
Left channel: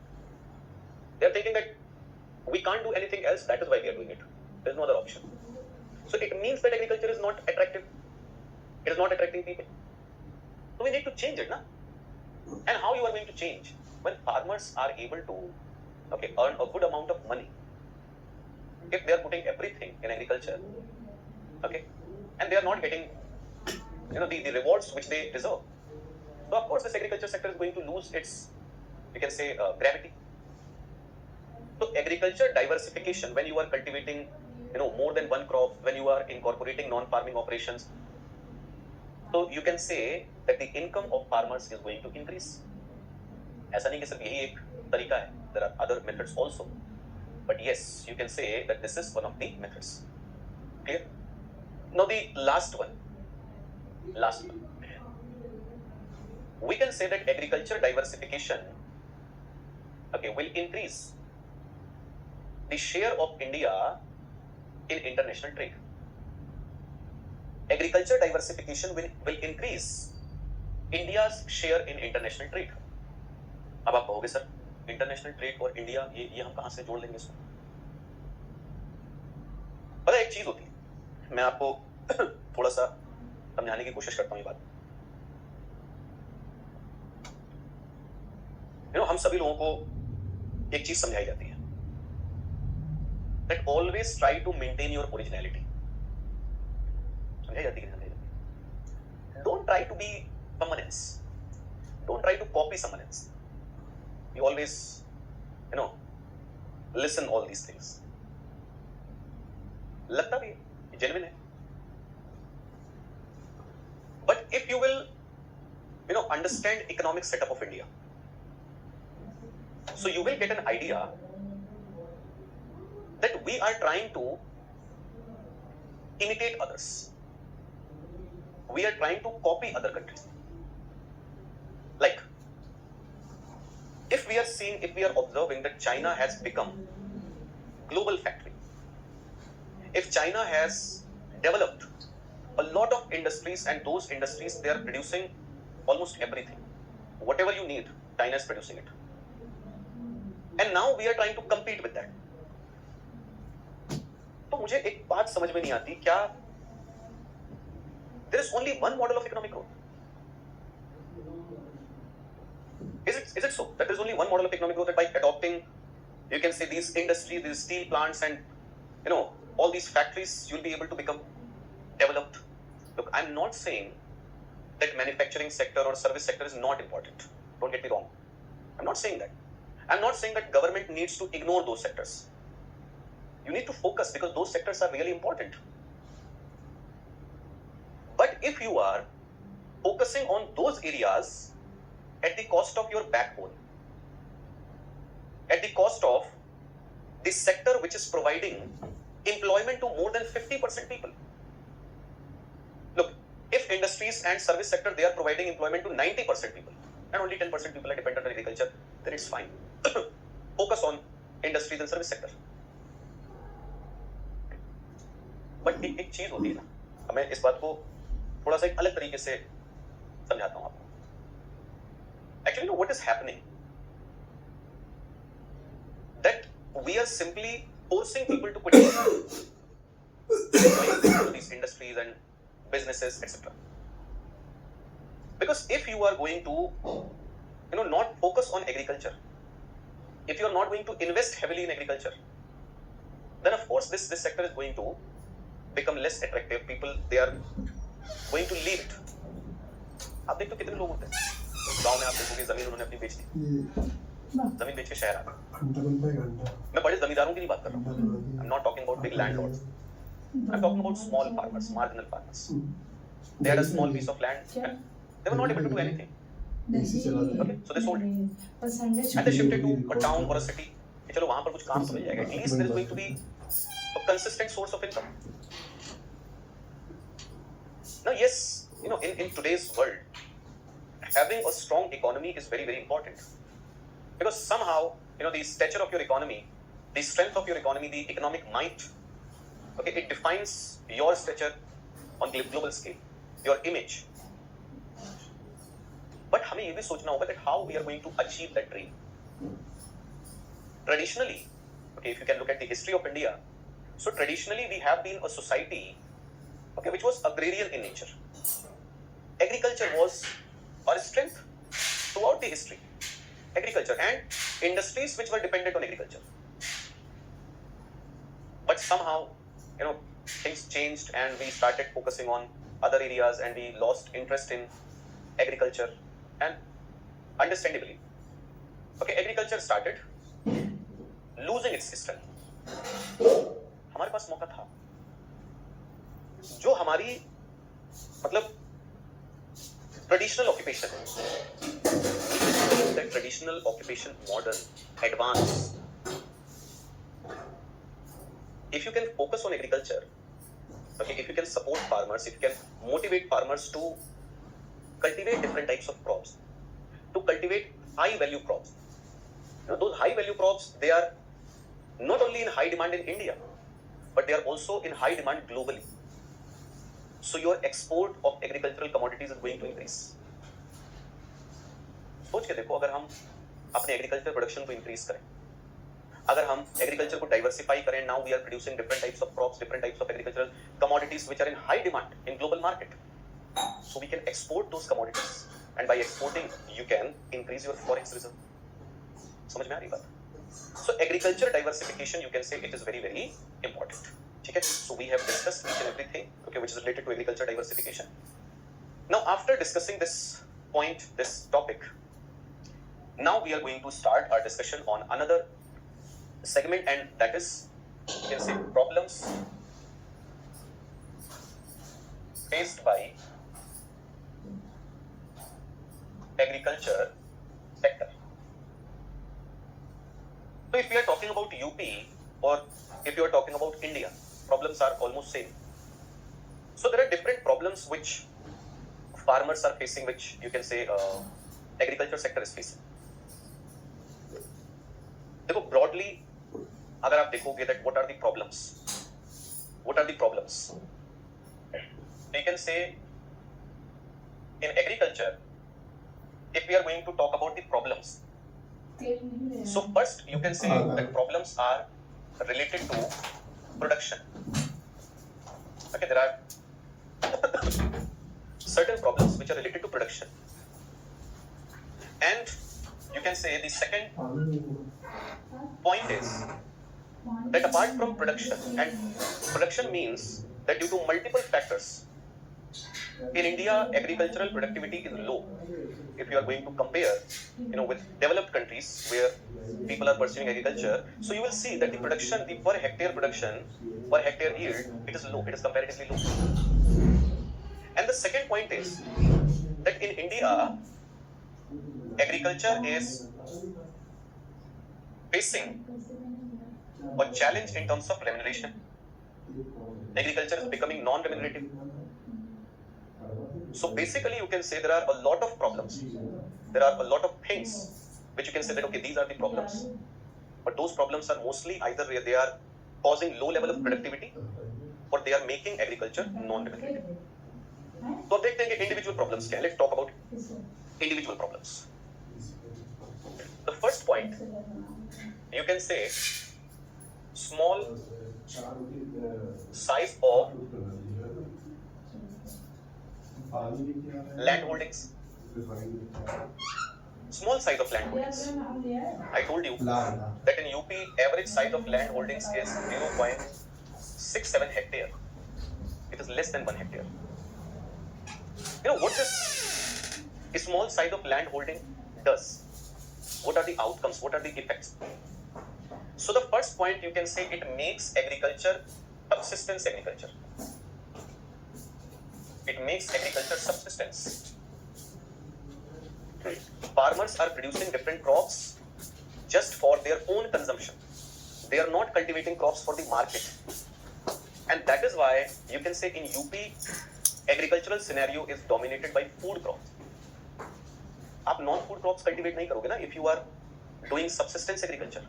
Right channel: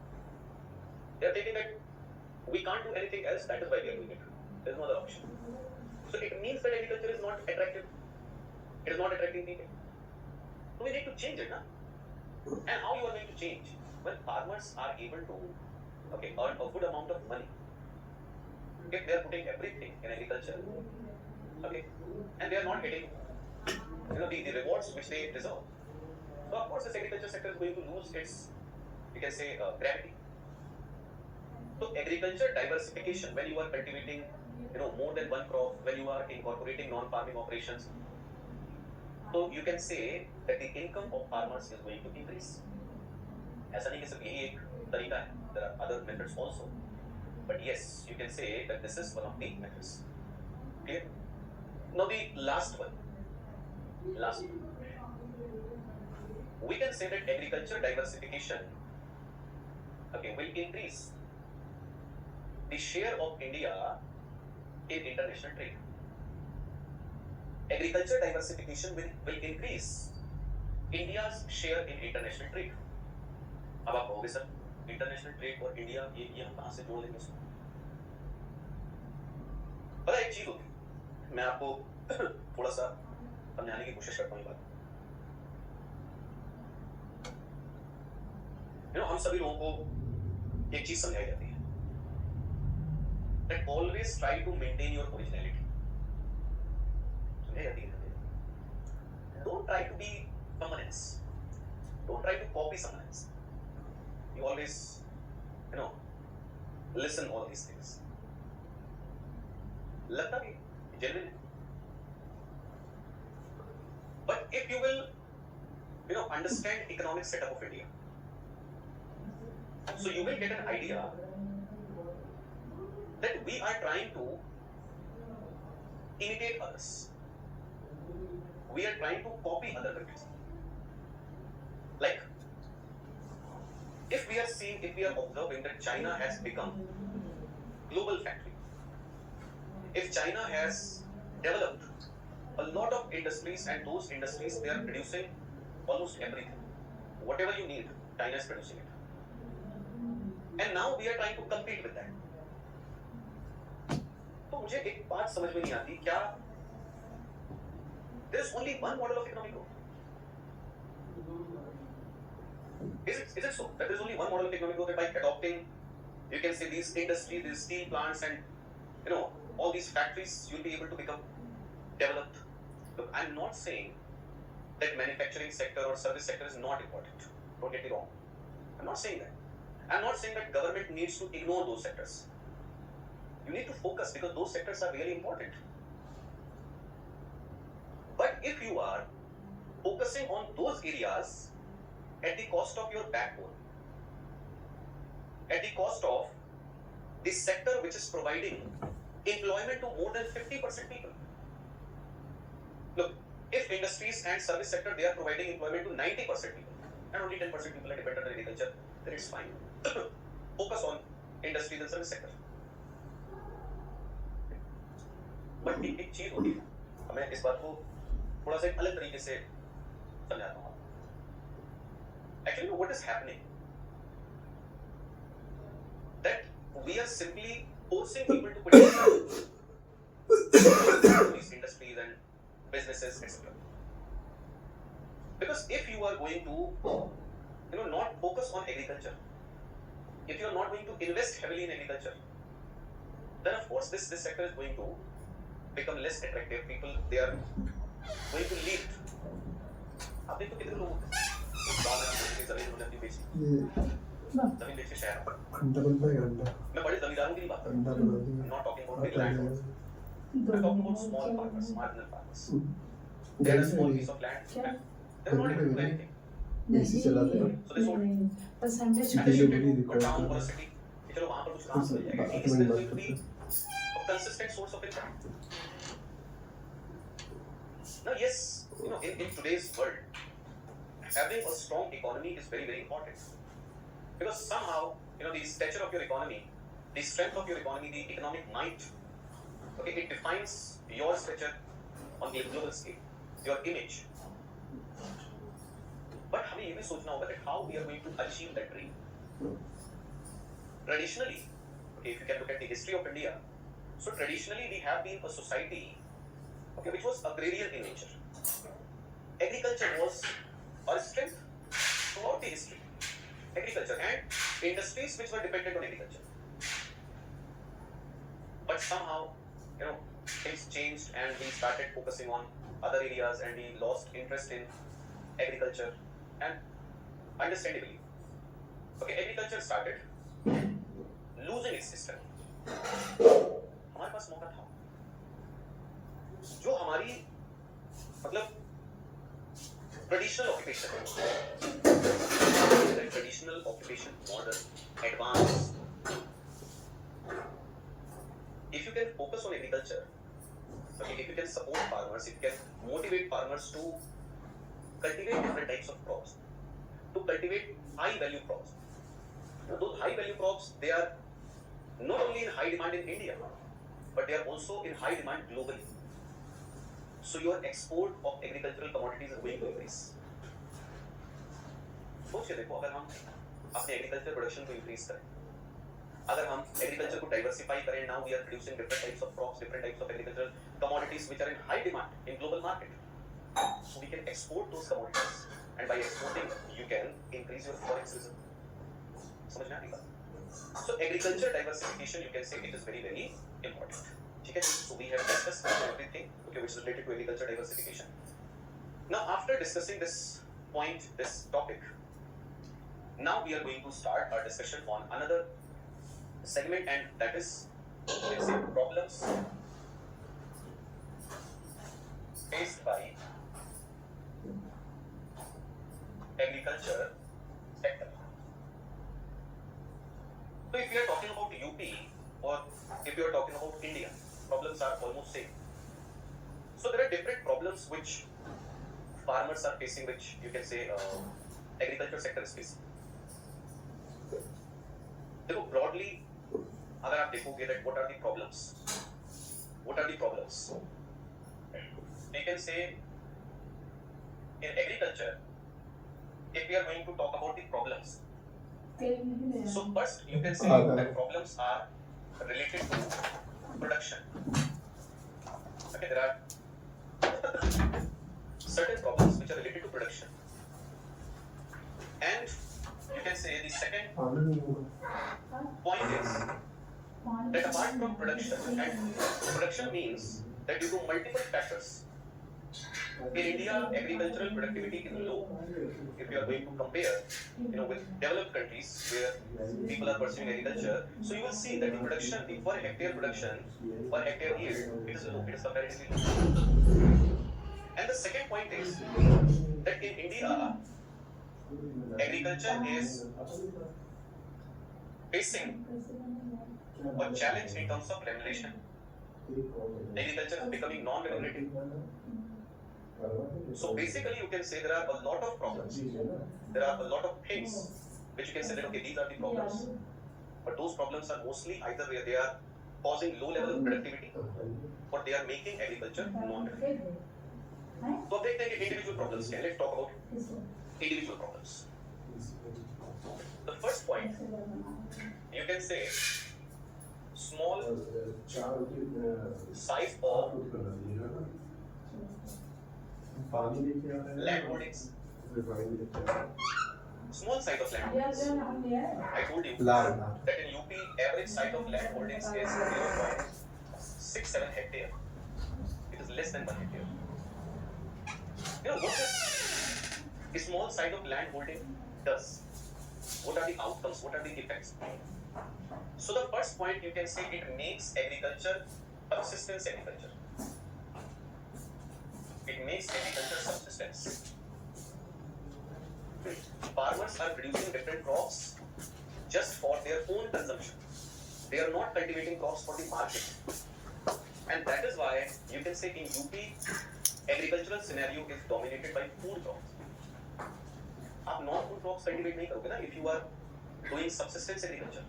They are thinking that we can't do anything else, that is why we are doing it. There is no other option. So it means that agriculture is not attractive. It is not attracting people. So we need to change it, na? And how you are going to change? When farmers are able to earn a good amount of money, if they are putting everything in agriculture, and they are not getting the rewards which they deserve. So of course this agriculture sector is going to lose its, gravity. So agriculture diversification, when you are cultivating more than one crop, when you are incorporating non-farming operations, so you can say that the income of farmers is going to increase. ऐसा नहीं कि सिर्फ यही एक तरीका है. There are other methods also, but yes, you can say that this is one of the methods. Clear? Now the last one. We can say that agriculture diversification, will increase the share of India in international trade. Agriculture diversification will increase India's share in international trade. अब आप कहोगे sir international trade और India ये हम कहां से जोड़ लेंगे इसको? पता एक चीज होती है, मैं आपको थोड़ा सा समझाने की कोशिश करता हूं ये बात. हम सभी लोगों को एक चीज समझाई जाती है, that always try to maintain your originality. समझाई जाती है. Don't try to be someone else. Don't try to copy someone else. You always, listen all these things. लगता भी genuine है. But if you will, understand economic setup of India, so you will get an idea that we are trying to imitate others. We are trying to copy other countries. Like, if we are observing that China has become global factory, if China has developed a lot of industries, and those industries, they are producing almost everything. Whatever you need, China is producing it. And now we are trying to compete with that. तो मुझे एक बात समझ में नहीं आती, क्या there is only one model of economic growth? Is it so that there is only one model of economic growth, that by adopting, you can say, these industries, these steel plants, and all these factories, you'll be able to become developed? Look, I'm not saying that manufacturing sector or service sector is not important. Don't get me wrong. I'm not saying that. I'm not saying that government needs to ignore those sectors. You need to focus, because those sectors are really important. But if you are focusing on those areas at the cost of your backbone, at the cost of the sector which is providing employment to more than 50% people. Look, if industries and service sector, they are providing employment to 90% people, and only 10% people are dependent on agriculture, then it's fine. Focus on industries and service sector. But एक चीज होती है ना, मैं इस बात को थोड़ा सा एक अलग तरीके से समझाता हूँ आपको. Actually, what is happening? That we are simply forcing people to put these industries and businesses, etc. Because if you are going to, not focus on agriculture, if you are not going to invest heavily in agriculture, then of course this sector is going to become less attractive. People, they are going to leave it. आप देखते हो कितने लोग होते हैं गांव में, आप देखोगे जमीन उन्होंने अपनी बेच दी, जमीन बेच के शहर आ गए. मैं बड़े जमींदारों की नहीं बात कर रहा हूँ. I'm not talking about big landlords. I'm talking about small farmers, marginal farmers. They had a small piece of land. They were not able to do anything. Okay? So they sold it. And they shifted to a town or a city. चलो वहाँ पर कुछ काम मिल जाएगा. At least there is going to be a consistent source of income. Now, yes, in today's world, having a strong economy is very, very important. Because somehow, the stature of your economy, the strength of your economy, the economic might, Okay, it defines your stature on global scale, your image. But हमें ये भी सोचना होगा that how we are going to achieve that dream. Traditionally, okay, if you can look at the history of India, so traditionally we have been a society, okay, which was agrarian in nature. Agriculture was our strength throughout the history. Agriculture and industries which were dependent on agriculture. But somehow, things changed and we started focusing on other areas and we lost interest in agriculture. And understandably, okay, agriculture started losing its strength. हमारे पास मौका था जो हमारी मतलब traditional occupation है, traditional occupation modern advance. If you can focus on agriculture, okay, if you can support farmers, if you can motivate farmers to cultivate different types of crops, to cultivate high value crops. Those high value crops, they are not only in high demand in India, but they are also in high demand globally. So your export of agricultural commodities is going to increase. सोच के देखो, अगर हम अपने agriculture production को increase करें, अगर हम एग्रीकल्चर को डाइवर्सिफाई करें, now we are producing different types of crops, different types of agricultural commodities which are in high demand in global market. So we can export those commodities and by exporting you can increase your forex reserve. समझ में आ रही बात? So agriculture diversification, you can say it is very very important. ठीक है, so we have discussed everything, okay, which is related to agriculture diversification. Now after discussing this point, this topic, now we are going to start our discussion on another segment, and that is, you can say, problems faced by agriculture sector. So if we are talking about UP or if you are talking about India, problems are almost same. So there are different problems which farmers are facing, which you can say agriculture sector is facing. देखो broadly, अगर आप देखोगे that what are the problems? What are the problems? You can say in agriculture, if we are going to talk about the problems, so first you can say that problems are related to production. Okay, there are certain problems which are related to production, and you can say the second point is that apart from production, and production means that due to multiple factors in India agricultural productivity is low if you are going to compare with developed countries where people are pursuing agriculture. So you will see that the production, the per hectare production, per hectare yield, it is low, it is comparatively low. And the second point is that in India agriculture is facing a challenge in terms of remuneration. Agriculture is becoming non-remunerative. So basically you can say there are a lot of problems, there are a lot of things which you can say that okay, these are the problems, but those problems are mostly either where they are causing low level of productivity or they are making agriculture non-remunerative. तो अब देखते हैं कि individual problems क्या है. Let's talk about individual problems. The first point, you can say small size of land holdings. Small size of land holdings. I told you that in UP average size of land holdings is 0.67 hectare. It is less than 1 hectare. What this small size of land holding does? What are the outcomes? What are the effects? So the first point, you can say it makes agriculture subsistence agriculture. It makes agriculture subsistence. Farmers are producing different crops just for their own consumption. They are not cultivating crops for the market. And that is why you can say in UP, agricultural scenario is dominated by food crops. आप non-food crops cultivate नहीं करोगे ना. If you are doing subsistence agriculture,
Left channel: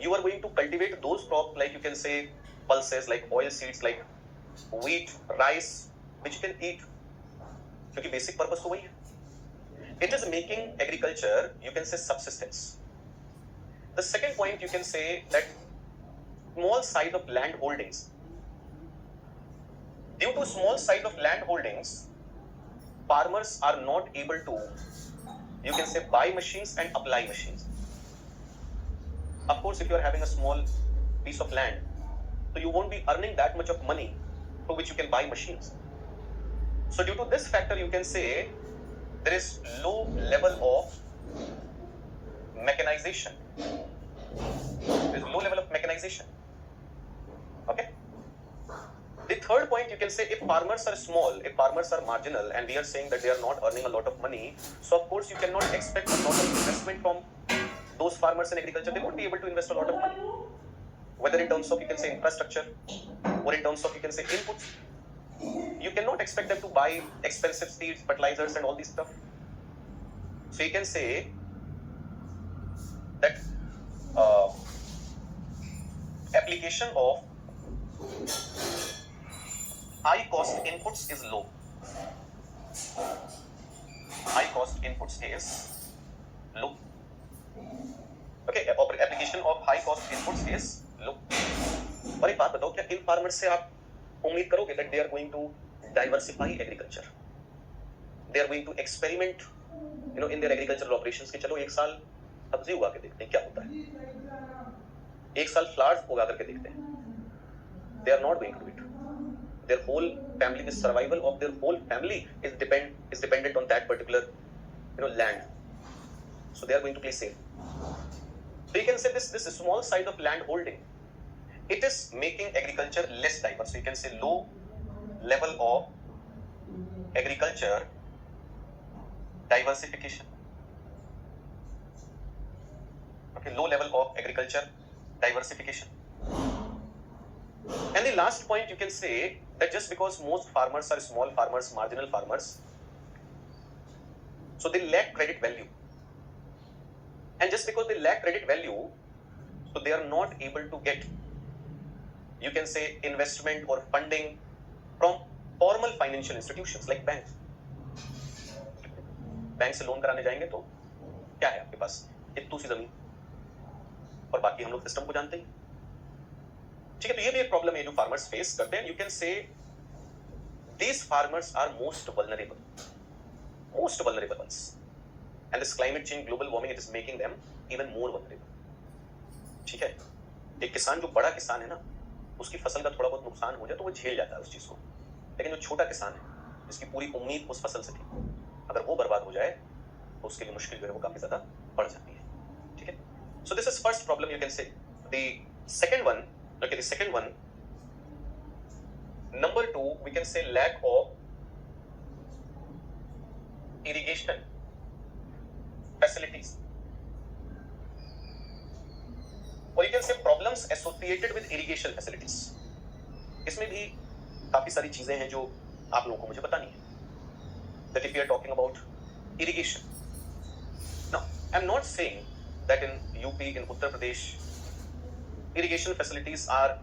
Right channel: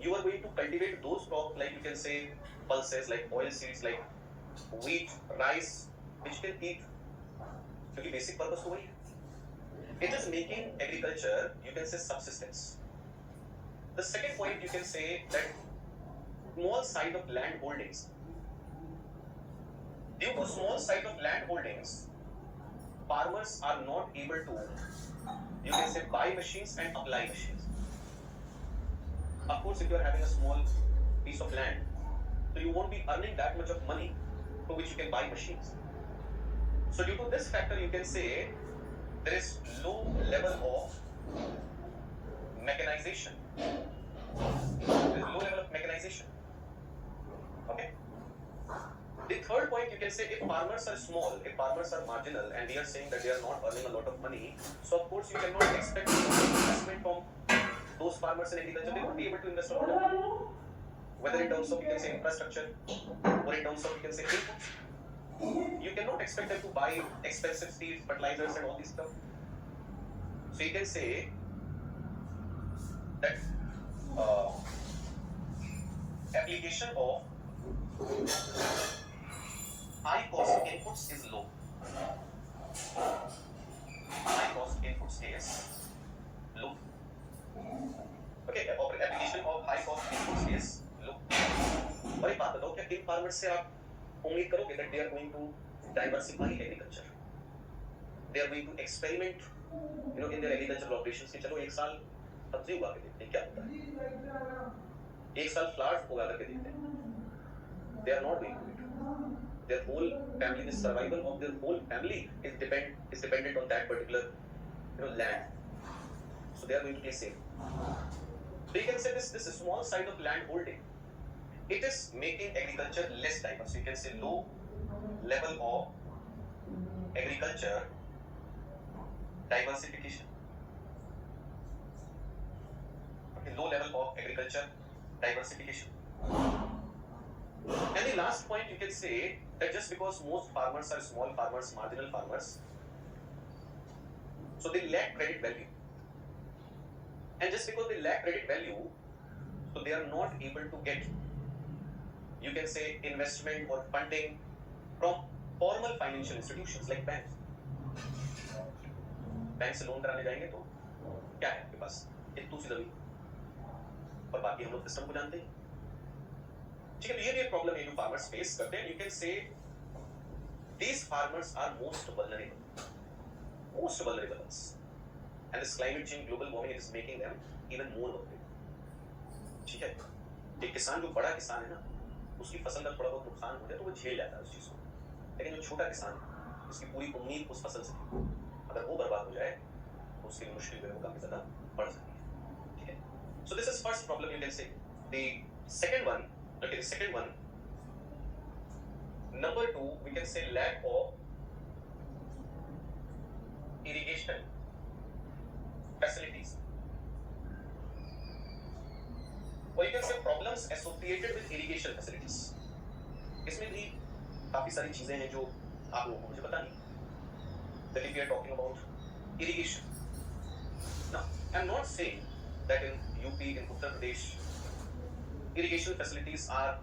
you are going to cultivate those crops like you can say pulses, like oil seeds, like wheat, rice, which you can eat. क्योंकि basic purpose तो वही है. It is making agriculture, you can say, subsistence. The second point, you can say that small size of land holdings. Due to small size of land holdings, farmers are not able to, you can say, buy machines and apply machines. Of course, if you are having a small piece of land, so you won't be earning that much of money for which you can buy machines. So due to this factor, you can say there is low level of mechanization. There is low level of mechanization. Okay. The third point, you can say, if farmers are small, if farmers are marginal, and we are saying that they are not earning a lot of money, so of course you cannot expect a lot of investment from those farmers in agriculture. They won't be able to invest a lot of money, whether in terms of, you can say, infrastructure, or in terms of, you can say, inputs. You cannot expect them to buy expensive seeds, fertilizers, and all this stuff. So you can say that application of high cost inputs is low. High cost inputs is low. Okay, application of high cost inputs is low. और एक बात बताओ, क्या इन farmers से आप उम्मीद करोगे that they are going to diversify agriculture? They are going to experiment, in their agricultural operations कि चलो एक साल सब्जी उगा के देखते हैं क्या होता है, एक साल फ्लावर्स उगा करके देखते हैं. They are not going to do it. Their whole family, the survival of their whole family is dependent on that particular, land. So they are going to play safe. So you can say this small size of land holding, it is making agriculture less diverse. So you can say low level of agriculture diversification. Okay, low level of agriculture diversification. And the last point, you can say that just because most farmers are small farmers, marginal farmers, so they lack credit value. And just because they lack credit value, so they are not able to get, you can say, investment or funding from formal financial institutions like banks. Bank से loan कराने जाएंगे तो क्या है आपके पास? एक दूसरी जमीन, और बाकी हम लोग सिस्टम को जानते हैं. ठीक है, तो ये भी एक प्रॉब्लम है जो फार्मर्स फेस करते हैं. यू कैन से these farmers are most vulnerable ones, and this climate change, global warming, it is making them even more vulnerable. ठीक है, एक किसान जो बड़ा किसान है ना, उसकी फसल का थोड़ा बहुत नुकसान हो जाए तो वो झेल जाता है उस चीज को, लेकिन जो छोटा किसान है जिसकी पूरी उम्मीद उस फसल से थी, अगर वो बर्बाद हो जाए तो उसके लिए मुश्किल जो है वो काफी ज्यादा बढ़ जाती है. ठीक है, so this is first problem, you can say. The second one, okay, the second one, number 2, we can say lack of irrigation facilities, or you can say problems associated with irrigation facilities. इसमें भी काफी सारी चीजें हैं जो आप लोगों को मुझे बतानी है. That if we are talking about irrigation, now I'm not saying that in UP, in Uttar Pradesh, irrigation facilities are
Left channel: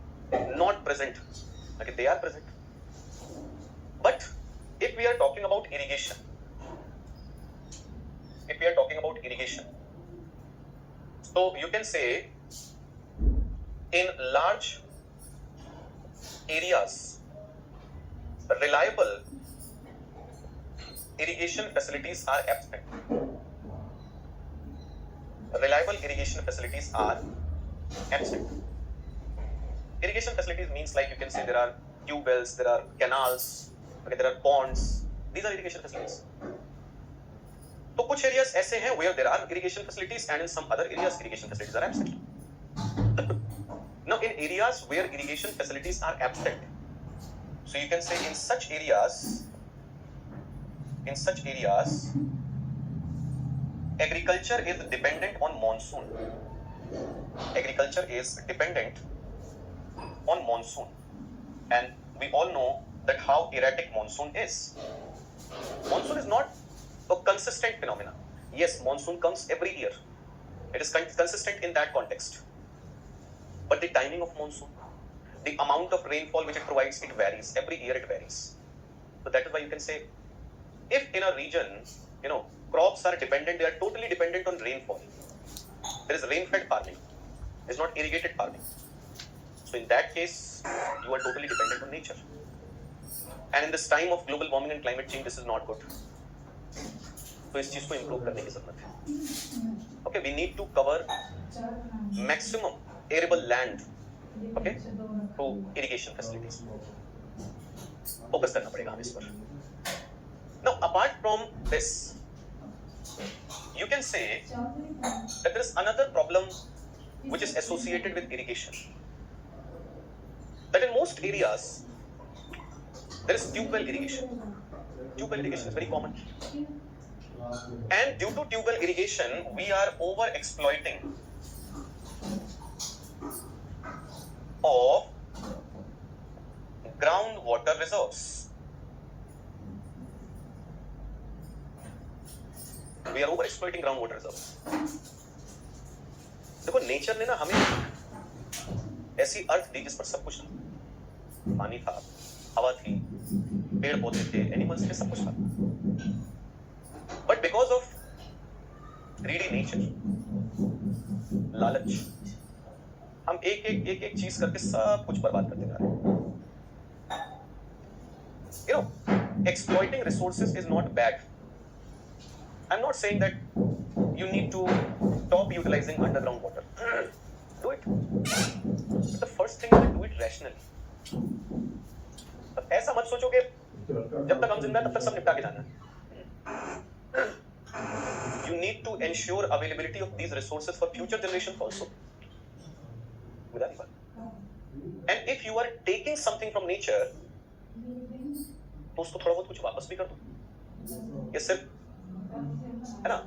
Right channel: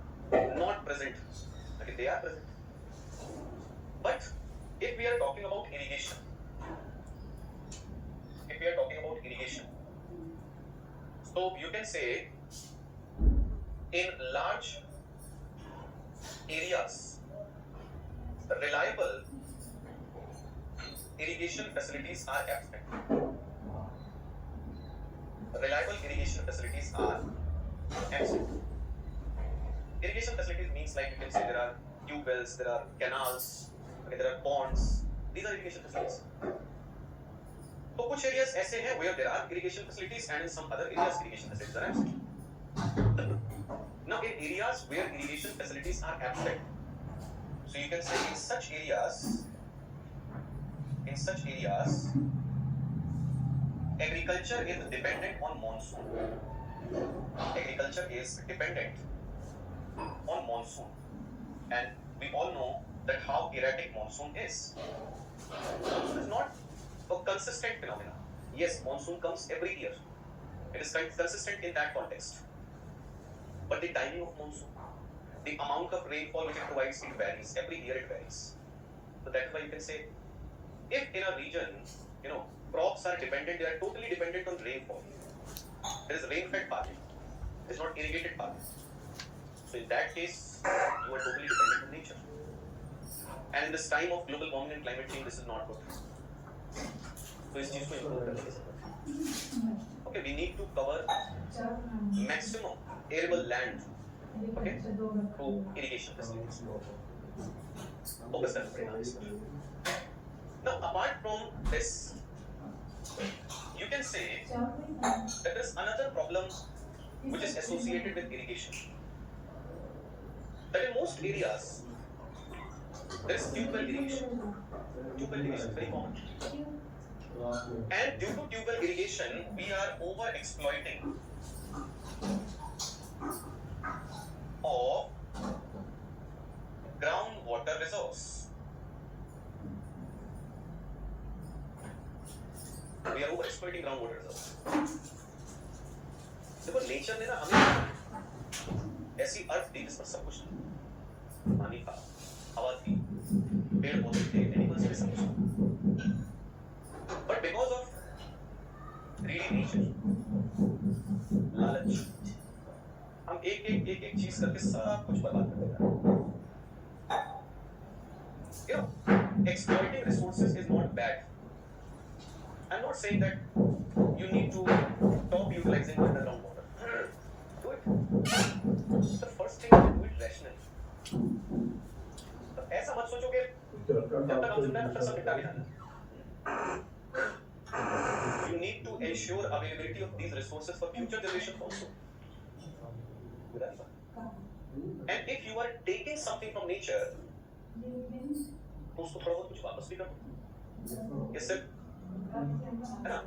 not present. Okay, they are present. But if we are talking about irrigation, so you can say in large areas, reliable irrigation facilities are absent. Reliable irrigation facilities are absent. Irrigation facilities means, like, you can say there are tube wells, there are canals, okay, there are ponds. These are irrigation facilities. तो कुछ areas ऐसे हैं where there are irrigation facilities, and in some other areas irrigation facilities are absent. Now in areas where irrigation facilities are absent, so you can say in such areas, agriculture is dependent on monsoon. Agriculture is dependent on monsoon, and we all know that how erratic monsoon is. Monsoon is not a consistent phenomena. Yes, monsoon comes every year. It is consistent in that context. But the timing of monsoon, the amount of rainfall which it provides, it varies. Every year it varies. So that is why you can say, if in a region, crops are dependent, they are totally dependent on rainfall. There is rain-fed farming. There is not irrigated farming. So in that case, you are totally dependent on nature. And in this time of global warming and climate change, this is not good. So इस चीज को improve करने की जरूरत है. Okay, we need to cover maximum arable land, okay, through irrigation facilities. Focus करना पड़ेगा इस पर. Now, apart from this, you can say that there is another problem which is associated with irrigation. That in most areas, there is tube well irrigation. Tube well irrigation is very common. And due to tube well irrigation, we are over exploiting of groundwater reserves. We are over exploiting groundwater reserves. देखो nature ने ना हमें ऐसी अर्थ दी जिस पर सब कुछ था. पानी था, हवा थी, पेड़ पौधे थे, एनिमल्स थे, सब कुछ था. But because of greedy nature, लालच, हम एक चीज करके सब कुछ बर्बाद करते जा रहे हैं. Exploiting resources is not bad. I'm not saying that you need to stop utilizing underground water. Do it. The first thing is do it rationally. ऐसा मत सोचो कि जब तक हम जिंदा तब तक सब निपटा के जाना. You need to ensure availability of these resources for future generations also. And if you are taking something from nature, तो उसको थोड़ा बहुत कुछ वापस भी कर दो. ये सिर्फ है ना,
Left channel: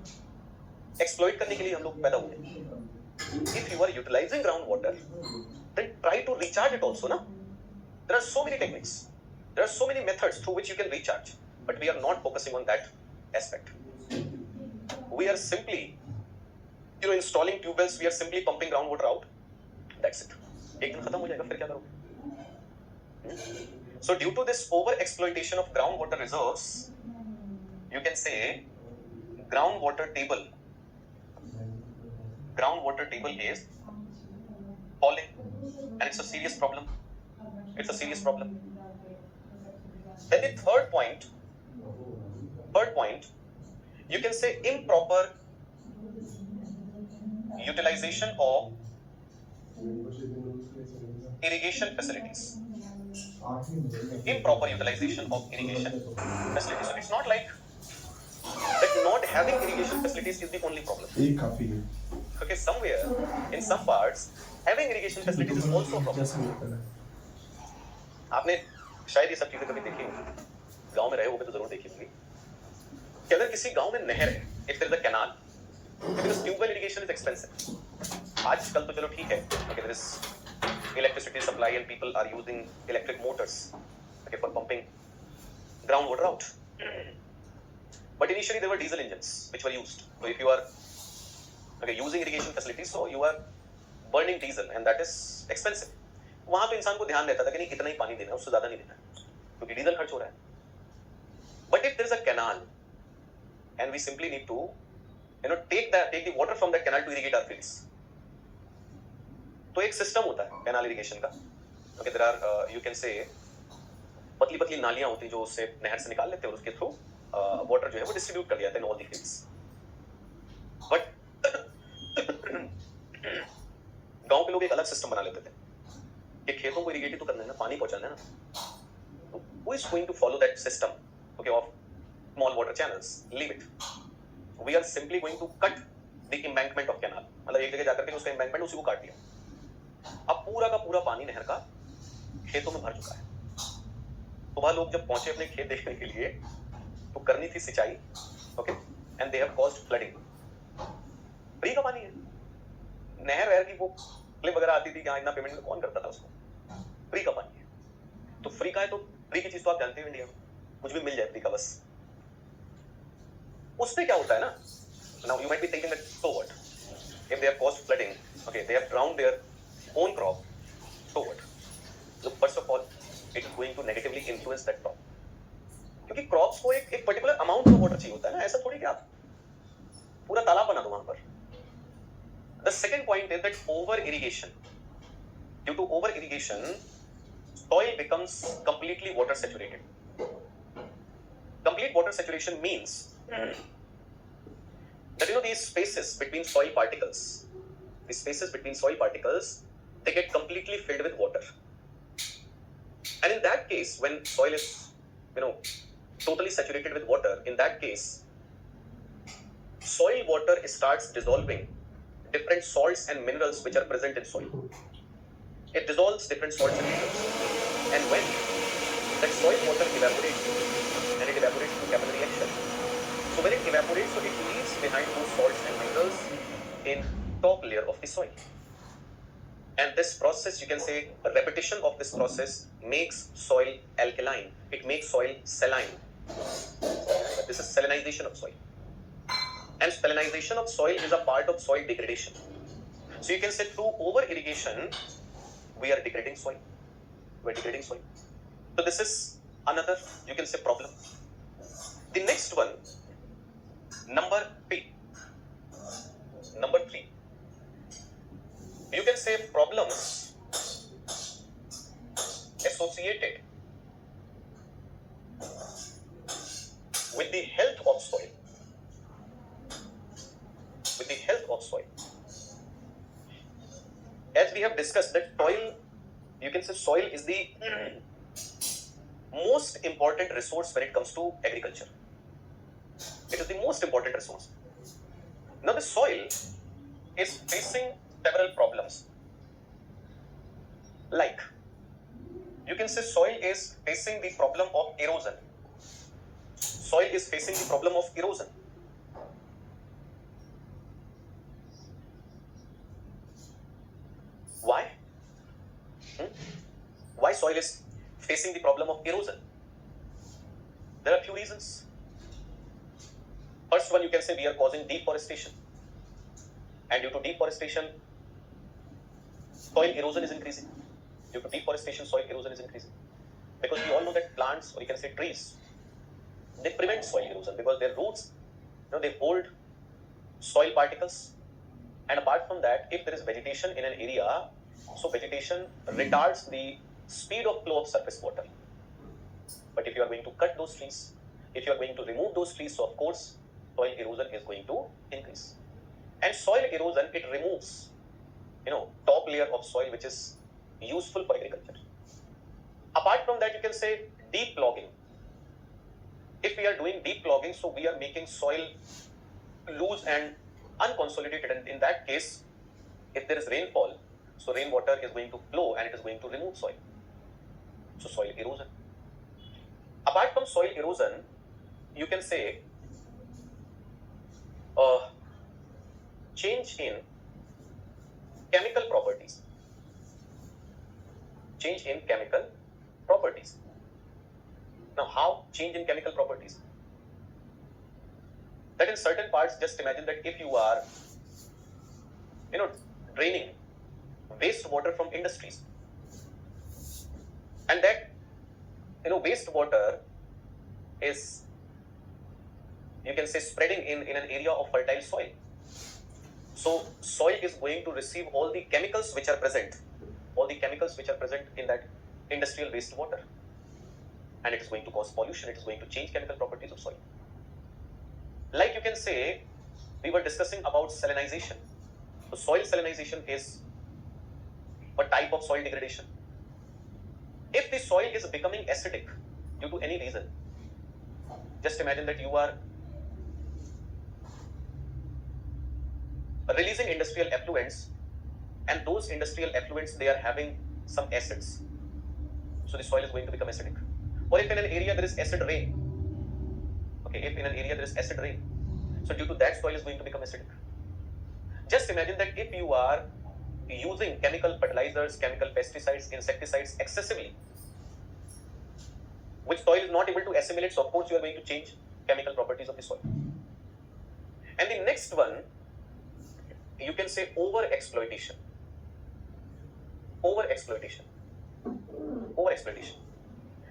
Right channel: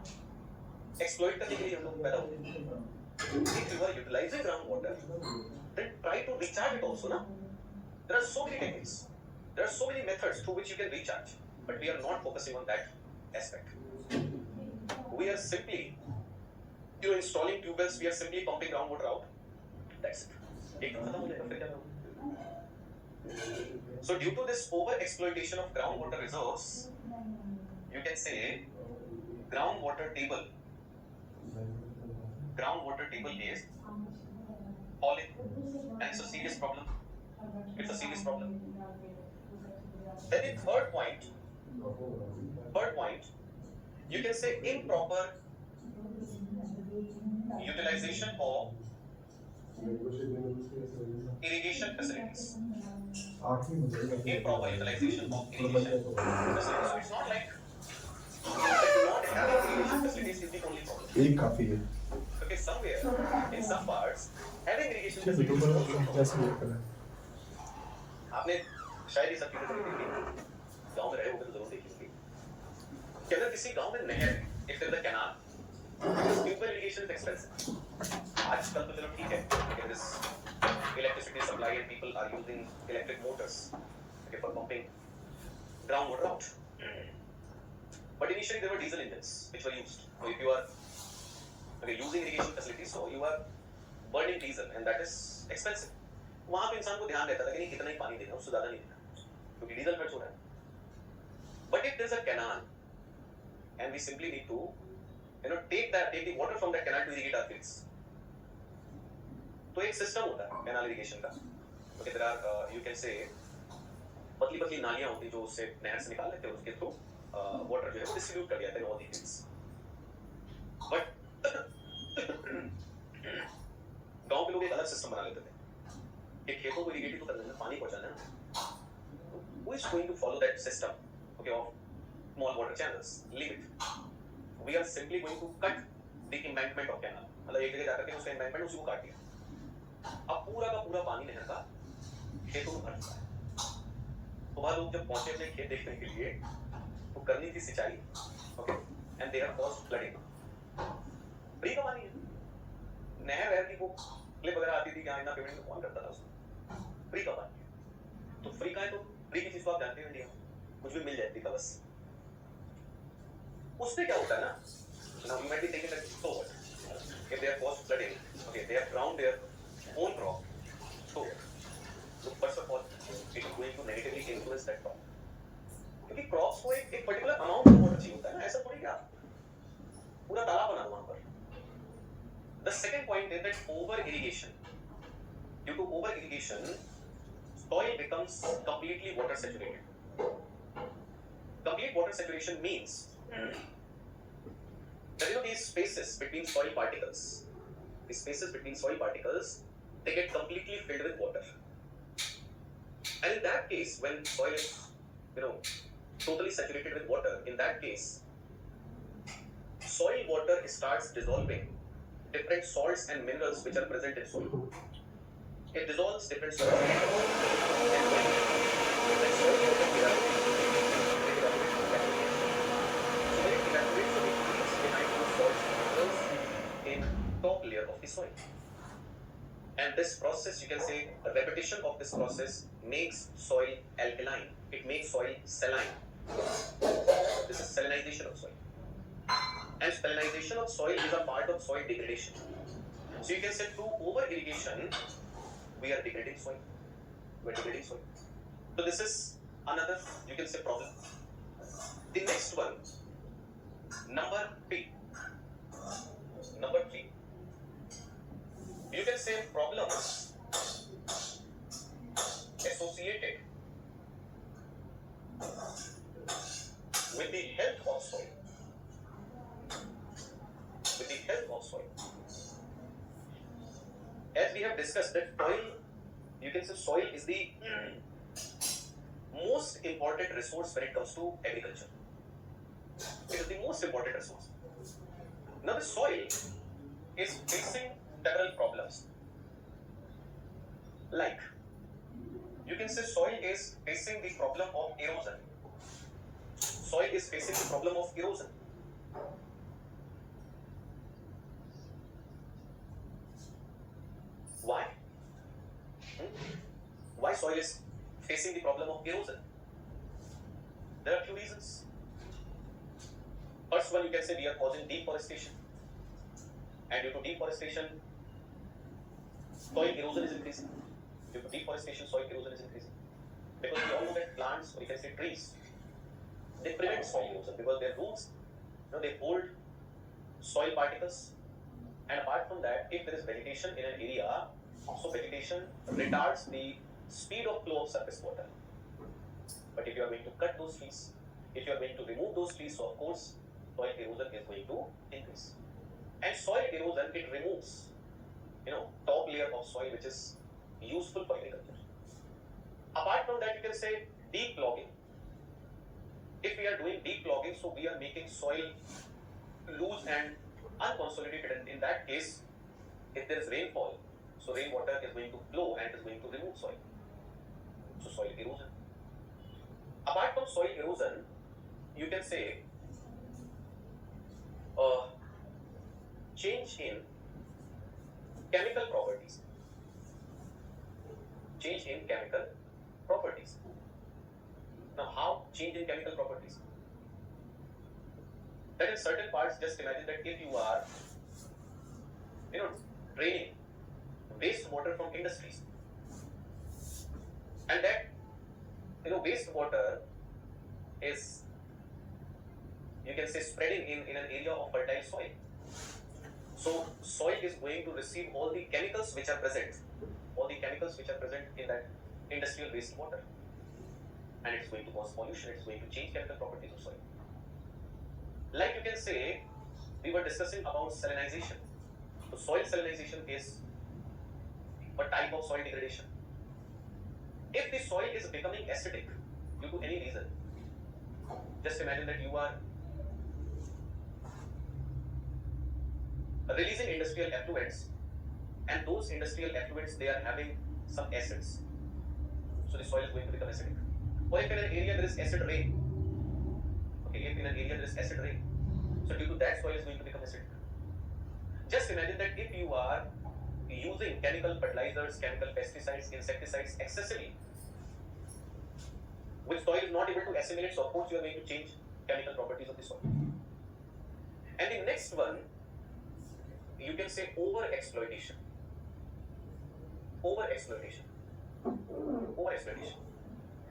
एक्सप्लॉइट करने के लिए हम लोग पैदा हुए हैं. If you are utilizing groundwater, then try to recharge it also, na? There are so many techniques, there are so many methods through which you can recharge, but we are not focusing on that aspect. We are simply, installing tube wells. We are simply pumping groundwater out. That's it. एक दिन खत्म हो जाएगा, फिर क्या करोगे? So due to this over exploitation of groundwater reserves, you can say groundwater table is falling, and it's a serious problem. Then the third point, you can say improper utilization of irrigation facilities. So it's not like that not having irrigation facilities is the only problem. Okay, somewhere, in some parts, having irrigation facilities is also a problem. आपने शायद ये सब चीजें कभी देखी होंगी, गांव में रहे होगे तो जरूर देखी होंगी कि अगर किसी गांव में नहर है, if there is a canal, because tube well irrigation is expensive. आजकल तो चलो ठीक है, there is electricity supply and people are using electric motors, okay, for pumping groundwater out. But initially there were diesel engines which were used. So if you are using irrigation facilities, so you are burning diesel and that is expensive. वहाँ पे इंसान को ध्यान रहता था कि नहीं इतना ही पानी देना है, उससे ज़्यादा नहीं देना है, क्योंकि डीजल खर्च हो रहा है. But if there is a canal and we simply need to take the water from that canal to irrigate our fields. तो एक सिस्टम होता है कैनाल इरिगेशन का. Okay, there are you can say पतली नालियां होती जो उससे नहर से निकाल लेते हैं और उसके थ्रू वाटर जो है वो डिस्ट्रीब्यूट कर दिया जाता है in all the fields. But गांव के लोग एक अलग सिस्टम बना लेते थे कि खेतों को इरिगेट तो करना है ना, पानी पहुंचाना है ना. Who is going to follow that system, okay, of small water channels? Leave it. We are simply going to cut the embankment of canal. मतलब एक जगह जाकर के उसका embankment उसी को काट लिया. अब पूरा का पूरा पानी नहर का खेतों में भर चुका है. तो वहाँ लोग जब पहुंचे अपने खेत देखने के लिए तो करनी थी सिंचाई, okay, and they have caused flooding. Free का पानी है, नहर वहर की वो क्लिप वगैरह आती थी जहाँ इतना पेमेंट कौन करता था उसको. फ्री का पानी है तो फ्री का है तो फ्री की चीज तो आप जानते हो इंडिया में कुछ भी मिल जाए फ्री का बस. उससे क्या होता है ना, now you might be thinking that so what if they have caused flooding, okay, they have drowned their own crop, so what? So first of all, it's going to negatively influence that crop. क्योंकि crops को एक particular amount of water चाहिए होता है ना, ऐसा थोड़ी कि आप पूरा तालाब बना दो वहां पर. The second point is that over irrigation. Due to over irrigation, soil becomes completely water saturated. Complete water saturation means that these spaces between soil particles, they get completely filled with water. And in that case, when soil is totally saturated with water, in that case soil water starts dissolving different salts and minerals which are present in soil. It dissolves different salts and minerals, and when that soil water evaporates, then it evaporates to capillary action. So when it evaporates, so it leaves behind those salts and minerals in top layer of the soil. And this process, you can say, a repetition of this process makes soil alkaline. It makes soil saline. This is salinization of soil. And salinization of soil is a part of soil degradation. So you can say through over irrigation, we are degrading soil. So this is another, you can say, problem. The next one, number three. You can say problems associated with the health of soil. As we have discussed that soil is the most important resource when it comes to agriculture. It is the most important resource. Now the soil is facing several problems. Like, you can say soil is facing the problem of erosion. Why? Why soil is facing the problem of erosion? There are a few reasons. First one, you can say we are causing deforestation. And due to deforestation, soil erosion is increasing. Because we all know that plants, or you can say trees, they prevent soil erosion because their roots, they hold soil particles. And apart from that, if there is vegetation in an area, so vegetation retards the speed of flow of surface water. But if you are going to cut those trees, if you are going to remove those trees, so of course, soil erosion is going to increase. And soil erosion, it removes, top layer of soil which is useful for agriculture. Apart from that, you can say deep clogging. If we are doing deep clogging, so we are making soil loose and unconsolidated, and in that case, if there is rainfall, so rainwater is going to flow and it is going to remove soil. So soil erosion. Apart from soil erosion, you can say change in chemical properties. Now, how change in chemical properties? That in certain parts, just imagine that if you are, draining wastewater from industries, and that, wastewater is, you can say, spreading in an area of fertile soil. So soil is going to receive all the chemicals which are present in that industrial wastewater, and it is going to cause pollution. It is going to change chemical properties of soil. Like, you can say, we were discussing about salinization. So soil salinization is a type of soil degradation. If the soil is becoming acidic due to any reason, just imagine that you are releasing industrial effluents, and those industrial effluents, they are having some acids. So the soil is going to become acidic. Or if in an area there is acid rain, so due to that, soil is going to become acidic. Just imagine that if you are using chemical fertilizers, chemical pesticides, insecticides excessively, which soil is not able to assimilate, so of course you are going to change chemical properties of the soil. And the next one, you can say over exploitation. Over exploitation.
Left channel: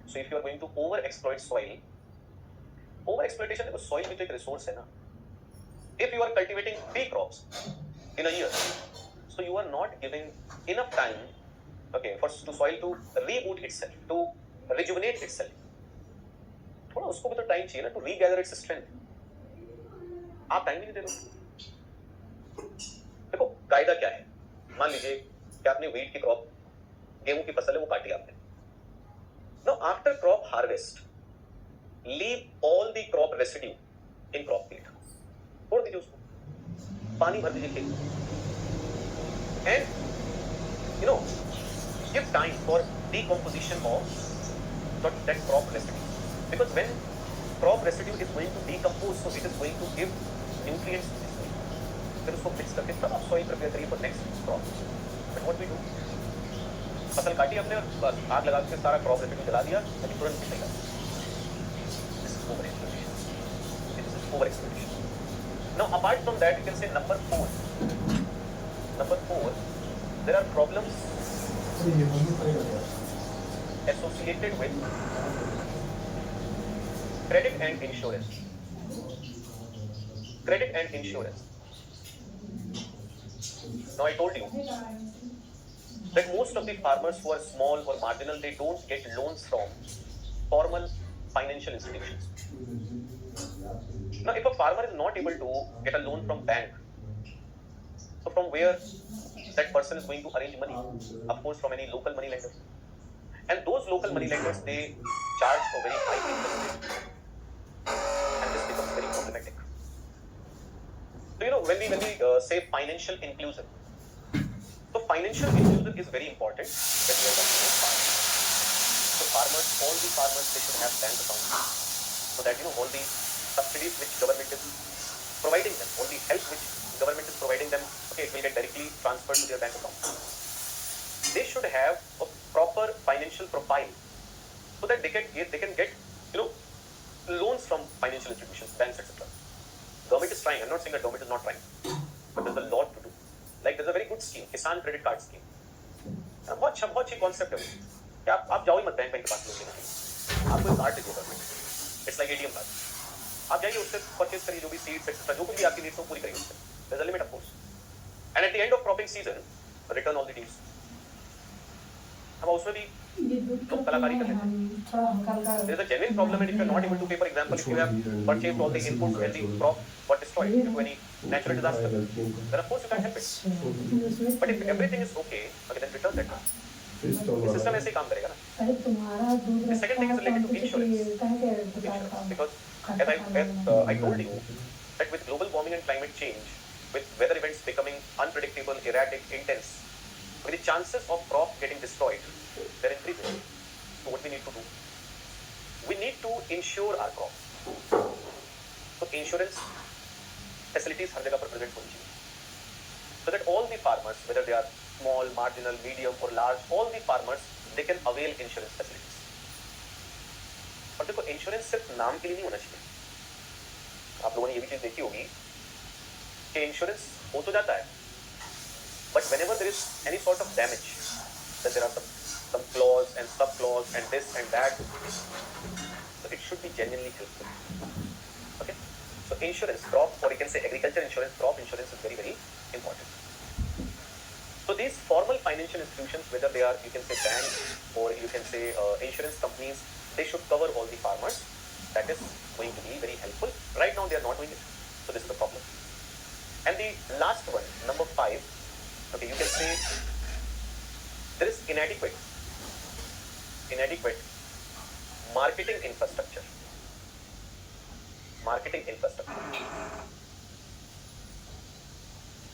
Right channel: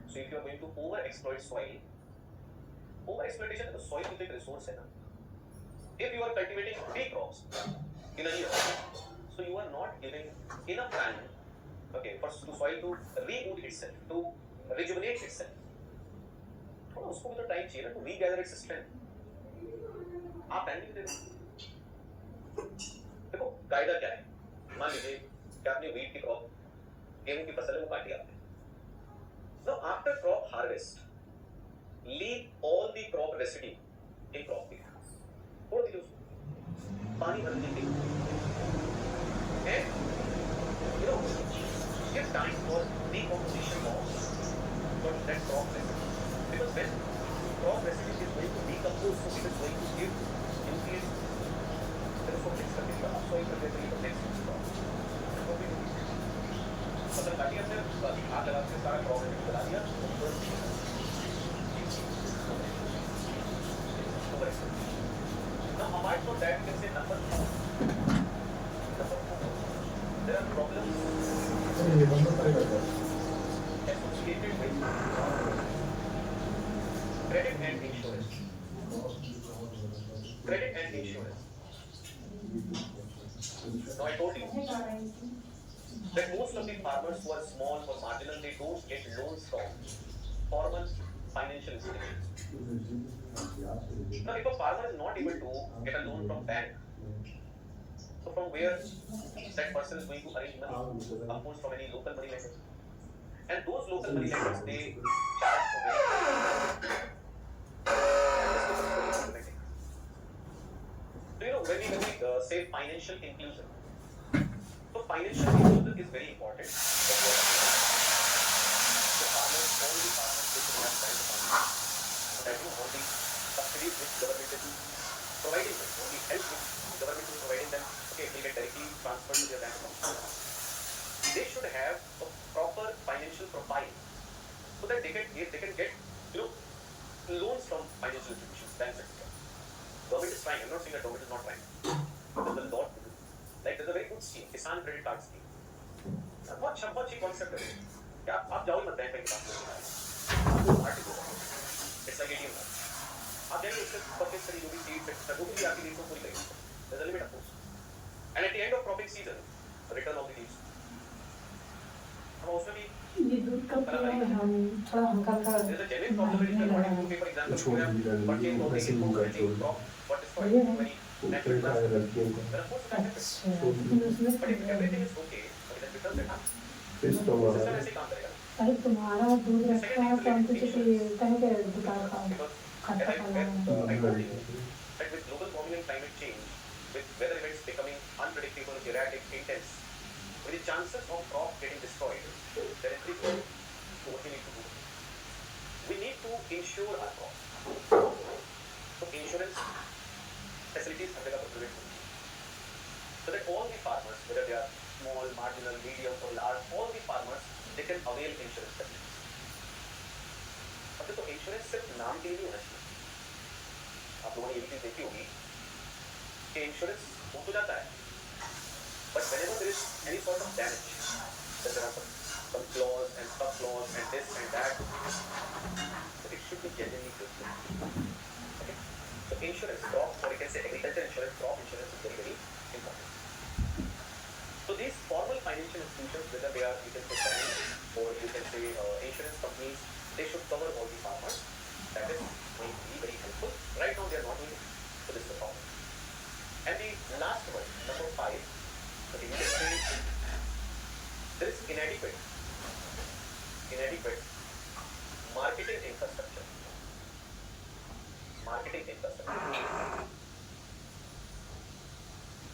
So if you are going to over exploit soil, over exploitation because soil भी तो एक resource है ना. If you are cultivating 3 crops in a year, so you are not giving enough time, okay, for to soil to reboot itself, to rejuvenate itself. थोड़ा उसको भी तो time चाहिए ना, to regather its strength. आप time नहीं दे दो. देखो कायदा क्या है, मान लीजिए कि आपने व्हीट की क्रॉप, गेहूं की फसल है वो काटी आपने. Now after crop harvest, leave all the crop residue in crop field. छोड़ दीजिए उसको, पानी भर दीजिए खेत में, and you know give time for decomposition of that crop residue, because when crop residue is going to decompose, so it is going to give nutrients. फिर उसको मिक्स करके तब आप सॉइल प्रिपेयर करिए for next crop. But what we do, फसल काटी हमने और बस आग लगा के सारा क्रॉप रेसिड्यू जला दिया, तो तुरंत मिलेगा. Over exploitation. Now apart from that, you can say number 4, there are problems associated with credit and insurance. Credit and insurance. Now I told you that most of the farmers who are small or marginal, they don't get loans from formal financial institutions. Now if a farmer is not able to get a loan from bank, so from where that person is going to arrange money? Of course from any local money lenders. And those local money lenders, they charge for very high interest. And this becomes very problematic. So you know, when we say financial inclusion, so financial inclusion is very important. That we are talking about farmers. So farmers, all the farmers, they should have bank accounts, so that you know all the subsidies which government is providing them, all the help which government is providing them, okay, it will get directly transferred to their bank account. They should have a proper financial profile, so that they can get you know loans from financial institutions, banks, etc. Government is trying. I'm not saying that government is not trying, but there's a lot to do. Like there's a very good scheme, Kisan Credit Card Scheme. बहुत अच्छी concept है कि आप जाओ ही मत bank के पास लेके, आपको कार्ड दे देगा, इट्स लाइक एटीएम कार्ड. आप जाइए उससे परचेज करिए जो भी सीड्स एक्सेट्रा जो भी आपकी नीड्स हो पूरी करेंगे. There is a limit of course, and at the end of cropping season return all the deeds. हम उसमें भी कलाकारी करते हैं. There is a genuine problem if you are not able to pay, for example if you have purchased all the inputs and the crop got destroyed due to any natural disaster, then of course you can't help it. But if everything is okay, then return that. System ऐसे ही काम करेगा ना. The second thing is related to insurance. Because as I told you that with global warming and climate change, with weather events becoming unpredictable, erratic, intense, with the chances of crop getting destroyed, they're increasing. So what we need to do? We need to insure our crops. So insurance facilities हर जगह पर provide होनी चाहिए, so that all the farmers, whether they are small, marginal, medium or large, all the farmers they can avail insurance facilities. और देखो insurance सिर्फ नाम के लिए नहीं होना चाहिए. आप लोगों ने ये भी चीज देखी होगी कि इंश्योरेंस हो तो जाता है, but whenever there is any sort of damage, then there are some flaws and sub flaws and this and that, so it should be genuinely good. Okay. So insurance, crop, or you can say agriculture insurance, crop insurance is very, very important. So these formal financial institutions, whether they are, you can say banks or you can say insurance companies, they should cover all the farmers. That is going to be very helpful. Right now they are not doing it. So this is the problem. And the last one, number 5, okay, you can say there is inadequate marketing infrastructure. Marketing infrastructure.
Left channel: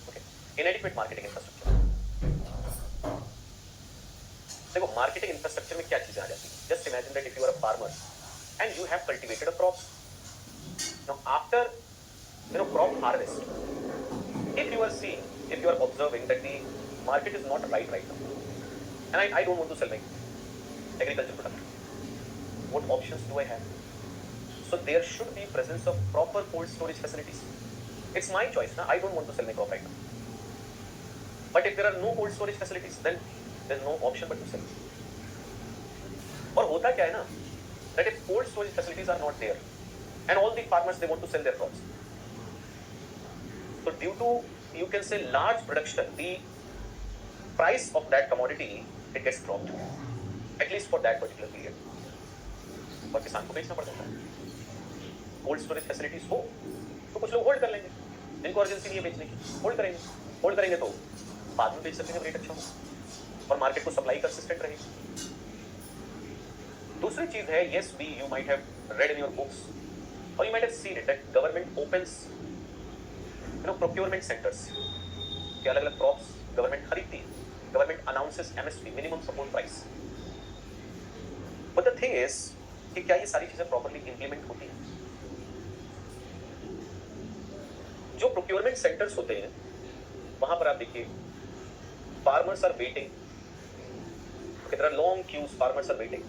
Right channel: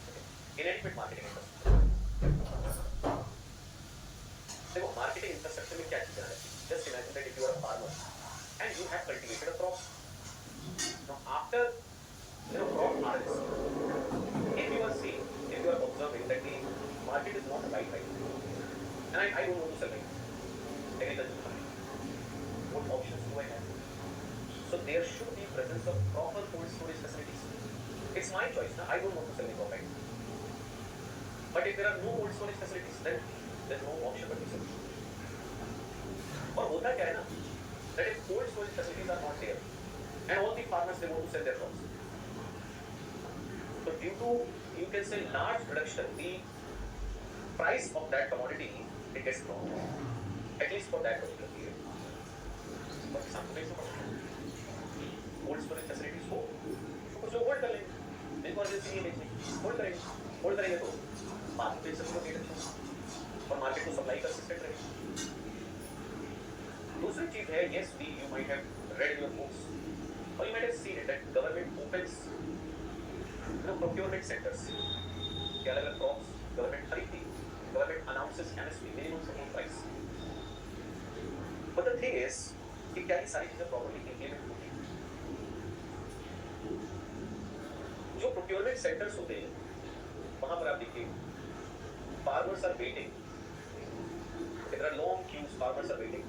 Okay. Inadequate marketing infrastructure. देखो marketing infrastructure में क्या चीजें आ जाती हैं? Just imagine that if you are a farmer and you have cultivated a crop. Now after crop harvest, if you are observing that the market is not right now, and I don't want to sell my agriculture product, what options do I have? So there should be presence of proper cold storage facilities. It's my choice, na? I don't want to sell my crop right now. But if there are no cold storage facilities, then there's no option but to sell. और होता क्या है ना, that if cold storage facilities are not there and all the farmers they want to sell their crops, so due to, you can say, large production, the price of that commodity it gets dropped, at least for that particular period, और किसान को बेचना पड़ जाता है। Cold storage facilities हो तो कुछ लोग होल्ड कर लेंगे, इनको अर्जेंसी नहीं है बेचने की, होल्ड करेंगे तो बाद में बेच सकेंगे, रेट अच्छा हो और मार्केट को सप्लाई कंसिस्टेंट रहेगी। दूसरी चीज है, yes we you might have read in your books or you might have seen it that government opens procurement centers कि अलग-अलग क्रॉप्स गवर्नमेंट खरीदती है, government announces MSP minimum support price, but the thing is कि क्या ये सारी चीजें properly implement होती हैं? जो प्रोक्योरमेंट सेंटर्स होते हैं वहां पर आप देखिए farmers are waiting, there are long queues, farmers are waiting,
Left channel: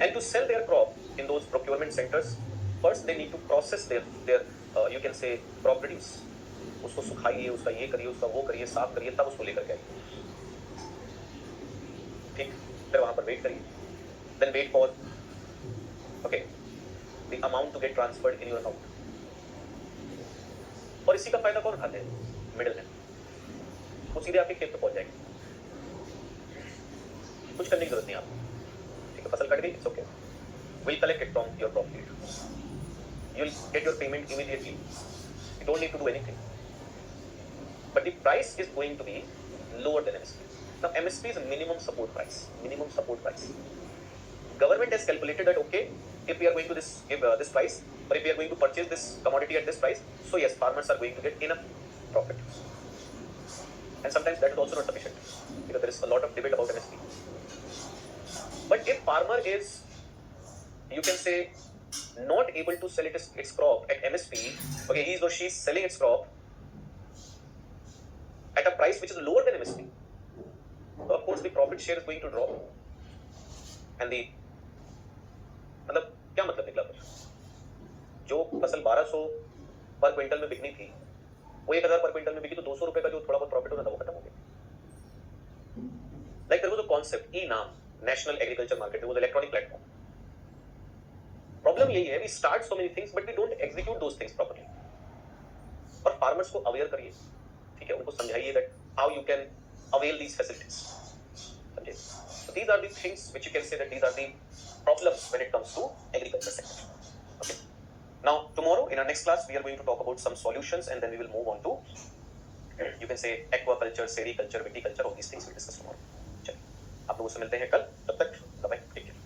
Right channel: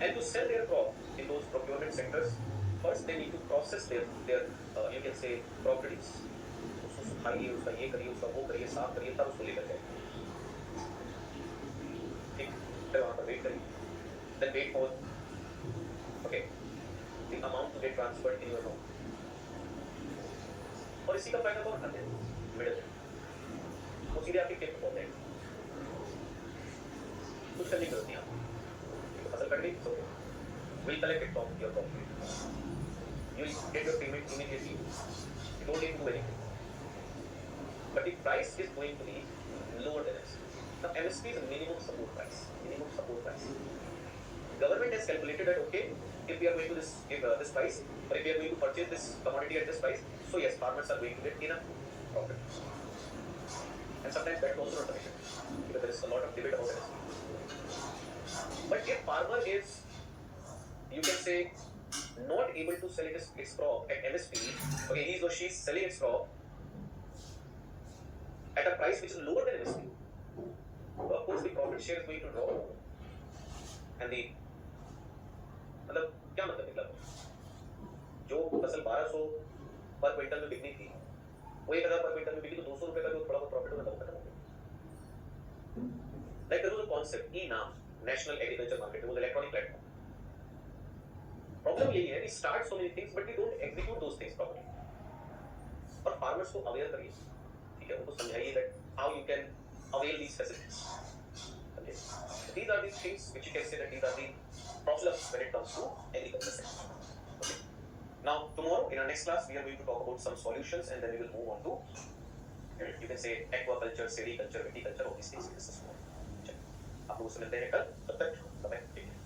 and to sell their crop in those procurement centers, first they need to process their you can say crop produce, उसको सुखाइए, उसका ये करिए, उसका वो करिए, साफ करिए, तब उसको लेकर जाइए, ठीक, फिर वहां पर वेट करिए, then wait for okay the amount to get transferred in your account, और इसी का फायदा कौन खाते हैं? मिडिल मैन, वो सीधे आपके खेत पे पहुंच जाएंगे, कुछ करने की जरूरत नहीं आपको, ठीक है, फसल कट गई, it's okay, we'll collect it from your crop field, you'll get your payment immediately, you don't need to do anything, but the price is going to be lower than MSP. Now MSP is a minimum support price, government has calculated that okay, if we are going to give this price, or if we are going to purchase this commodity at this price, so yes, farmers are going to get enough profit, and sometimes that is also not sufficient because there is a lot of debate about MSP. But if farmer is, you can say, not able to sell its crop at MSP, okay, he or she is selling its crop at a price which is lower than MSP, so of course the profit share is going to drop, and the मतलब क्या मतलब निकला, जो फसल 1200 पर quintal में bikini थी वो 1000 पर क्विंटल में बिकी, तो 200 रुपए का जो थोड़ा बहुत प्रॉफिट होता था वो खत्म हो गया। Like there was a concept e NAM, national agriculture market, वो इलेक्ट्रॉनिक प्लेटफॉर्म। प्रॉब्लम यही है, we start so many things but we don't execute those things properly, और फार्मर्स को अवेयर करिए, ठीक है, उनको समझाइए that how you can avail these facilities, समझे? So these are the things which you can say that these are the problems when it comes to agriculture sector. Okay. Now tomorrow in our next class we are going to talk about some solutions, and then we will move on to you can say aquaculture, sericulture, viticulture, all these things we discuss tomorrow. चलिए, आप लोगों से मिलते हैं कल, तब तक bye, take care.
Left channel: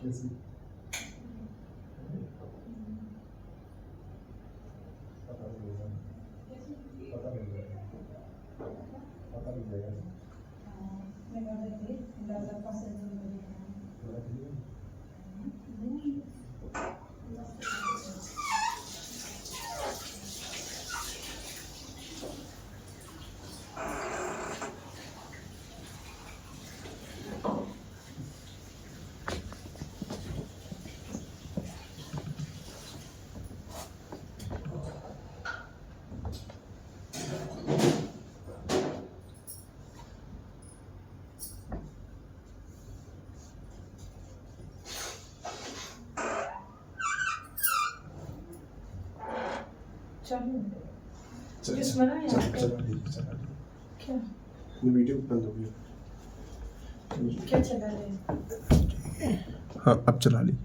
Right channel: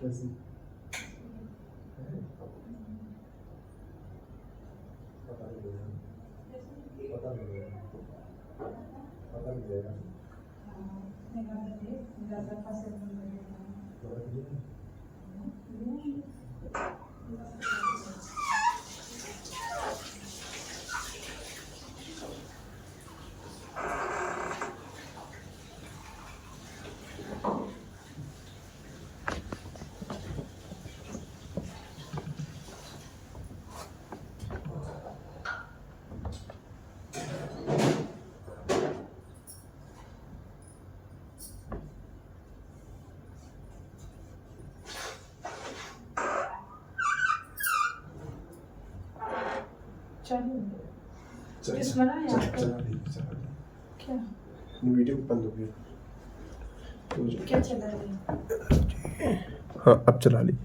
कैसी पता लगेगा पता लगेगा पता लगेगा किसमें ना यहाँ पे? चला ली क्या वीडियो बंद हो गई क्या चला रही है? हाँ अब चला ली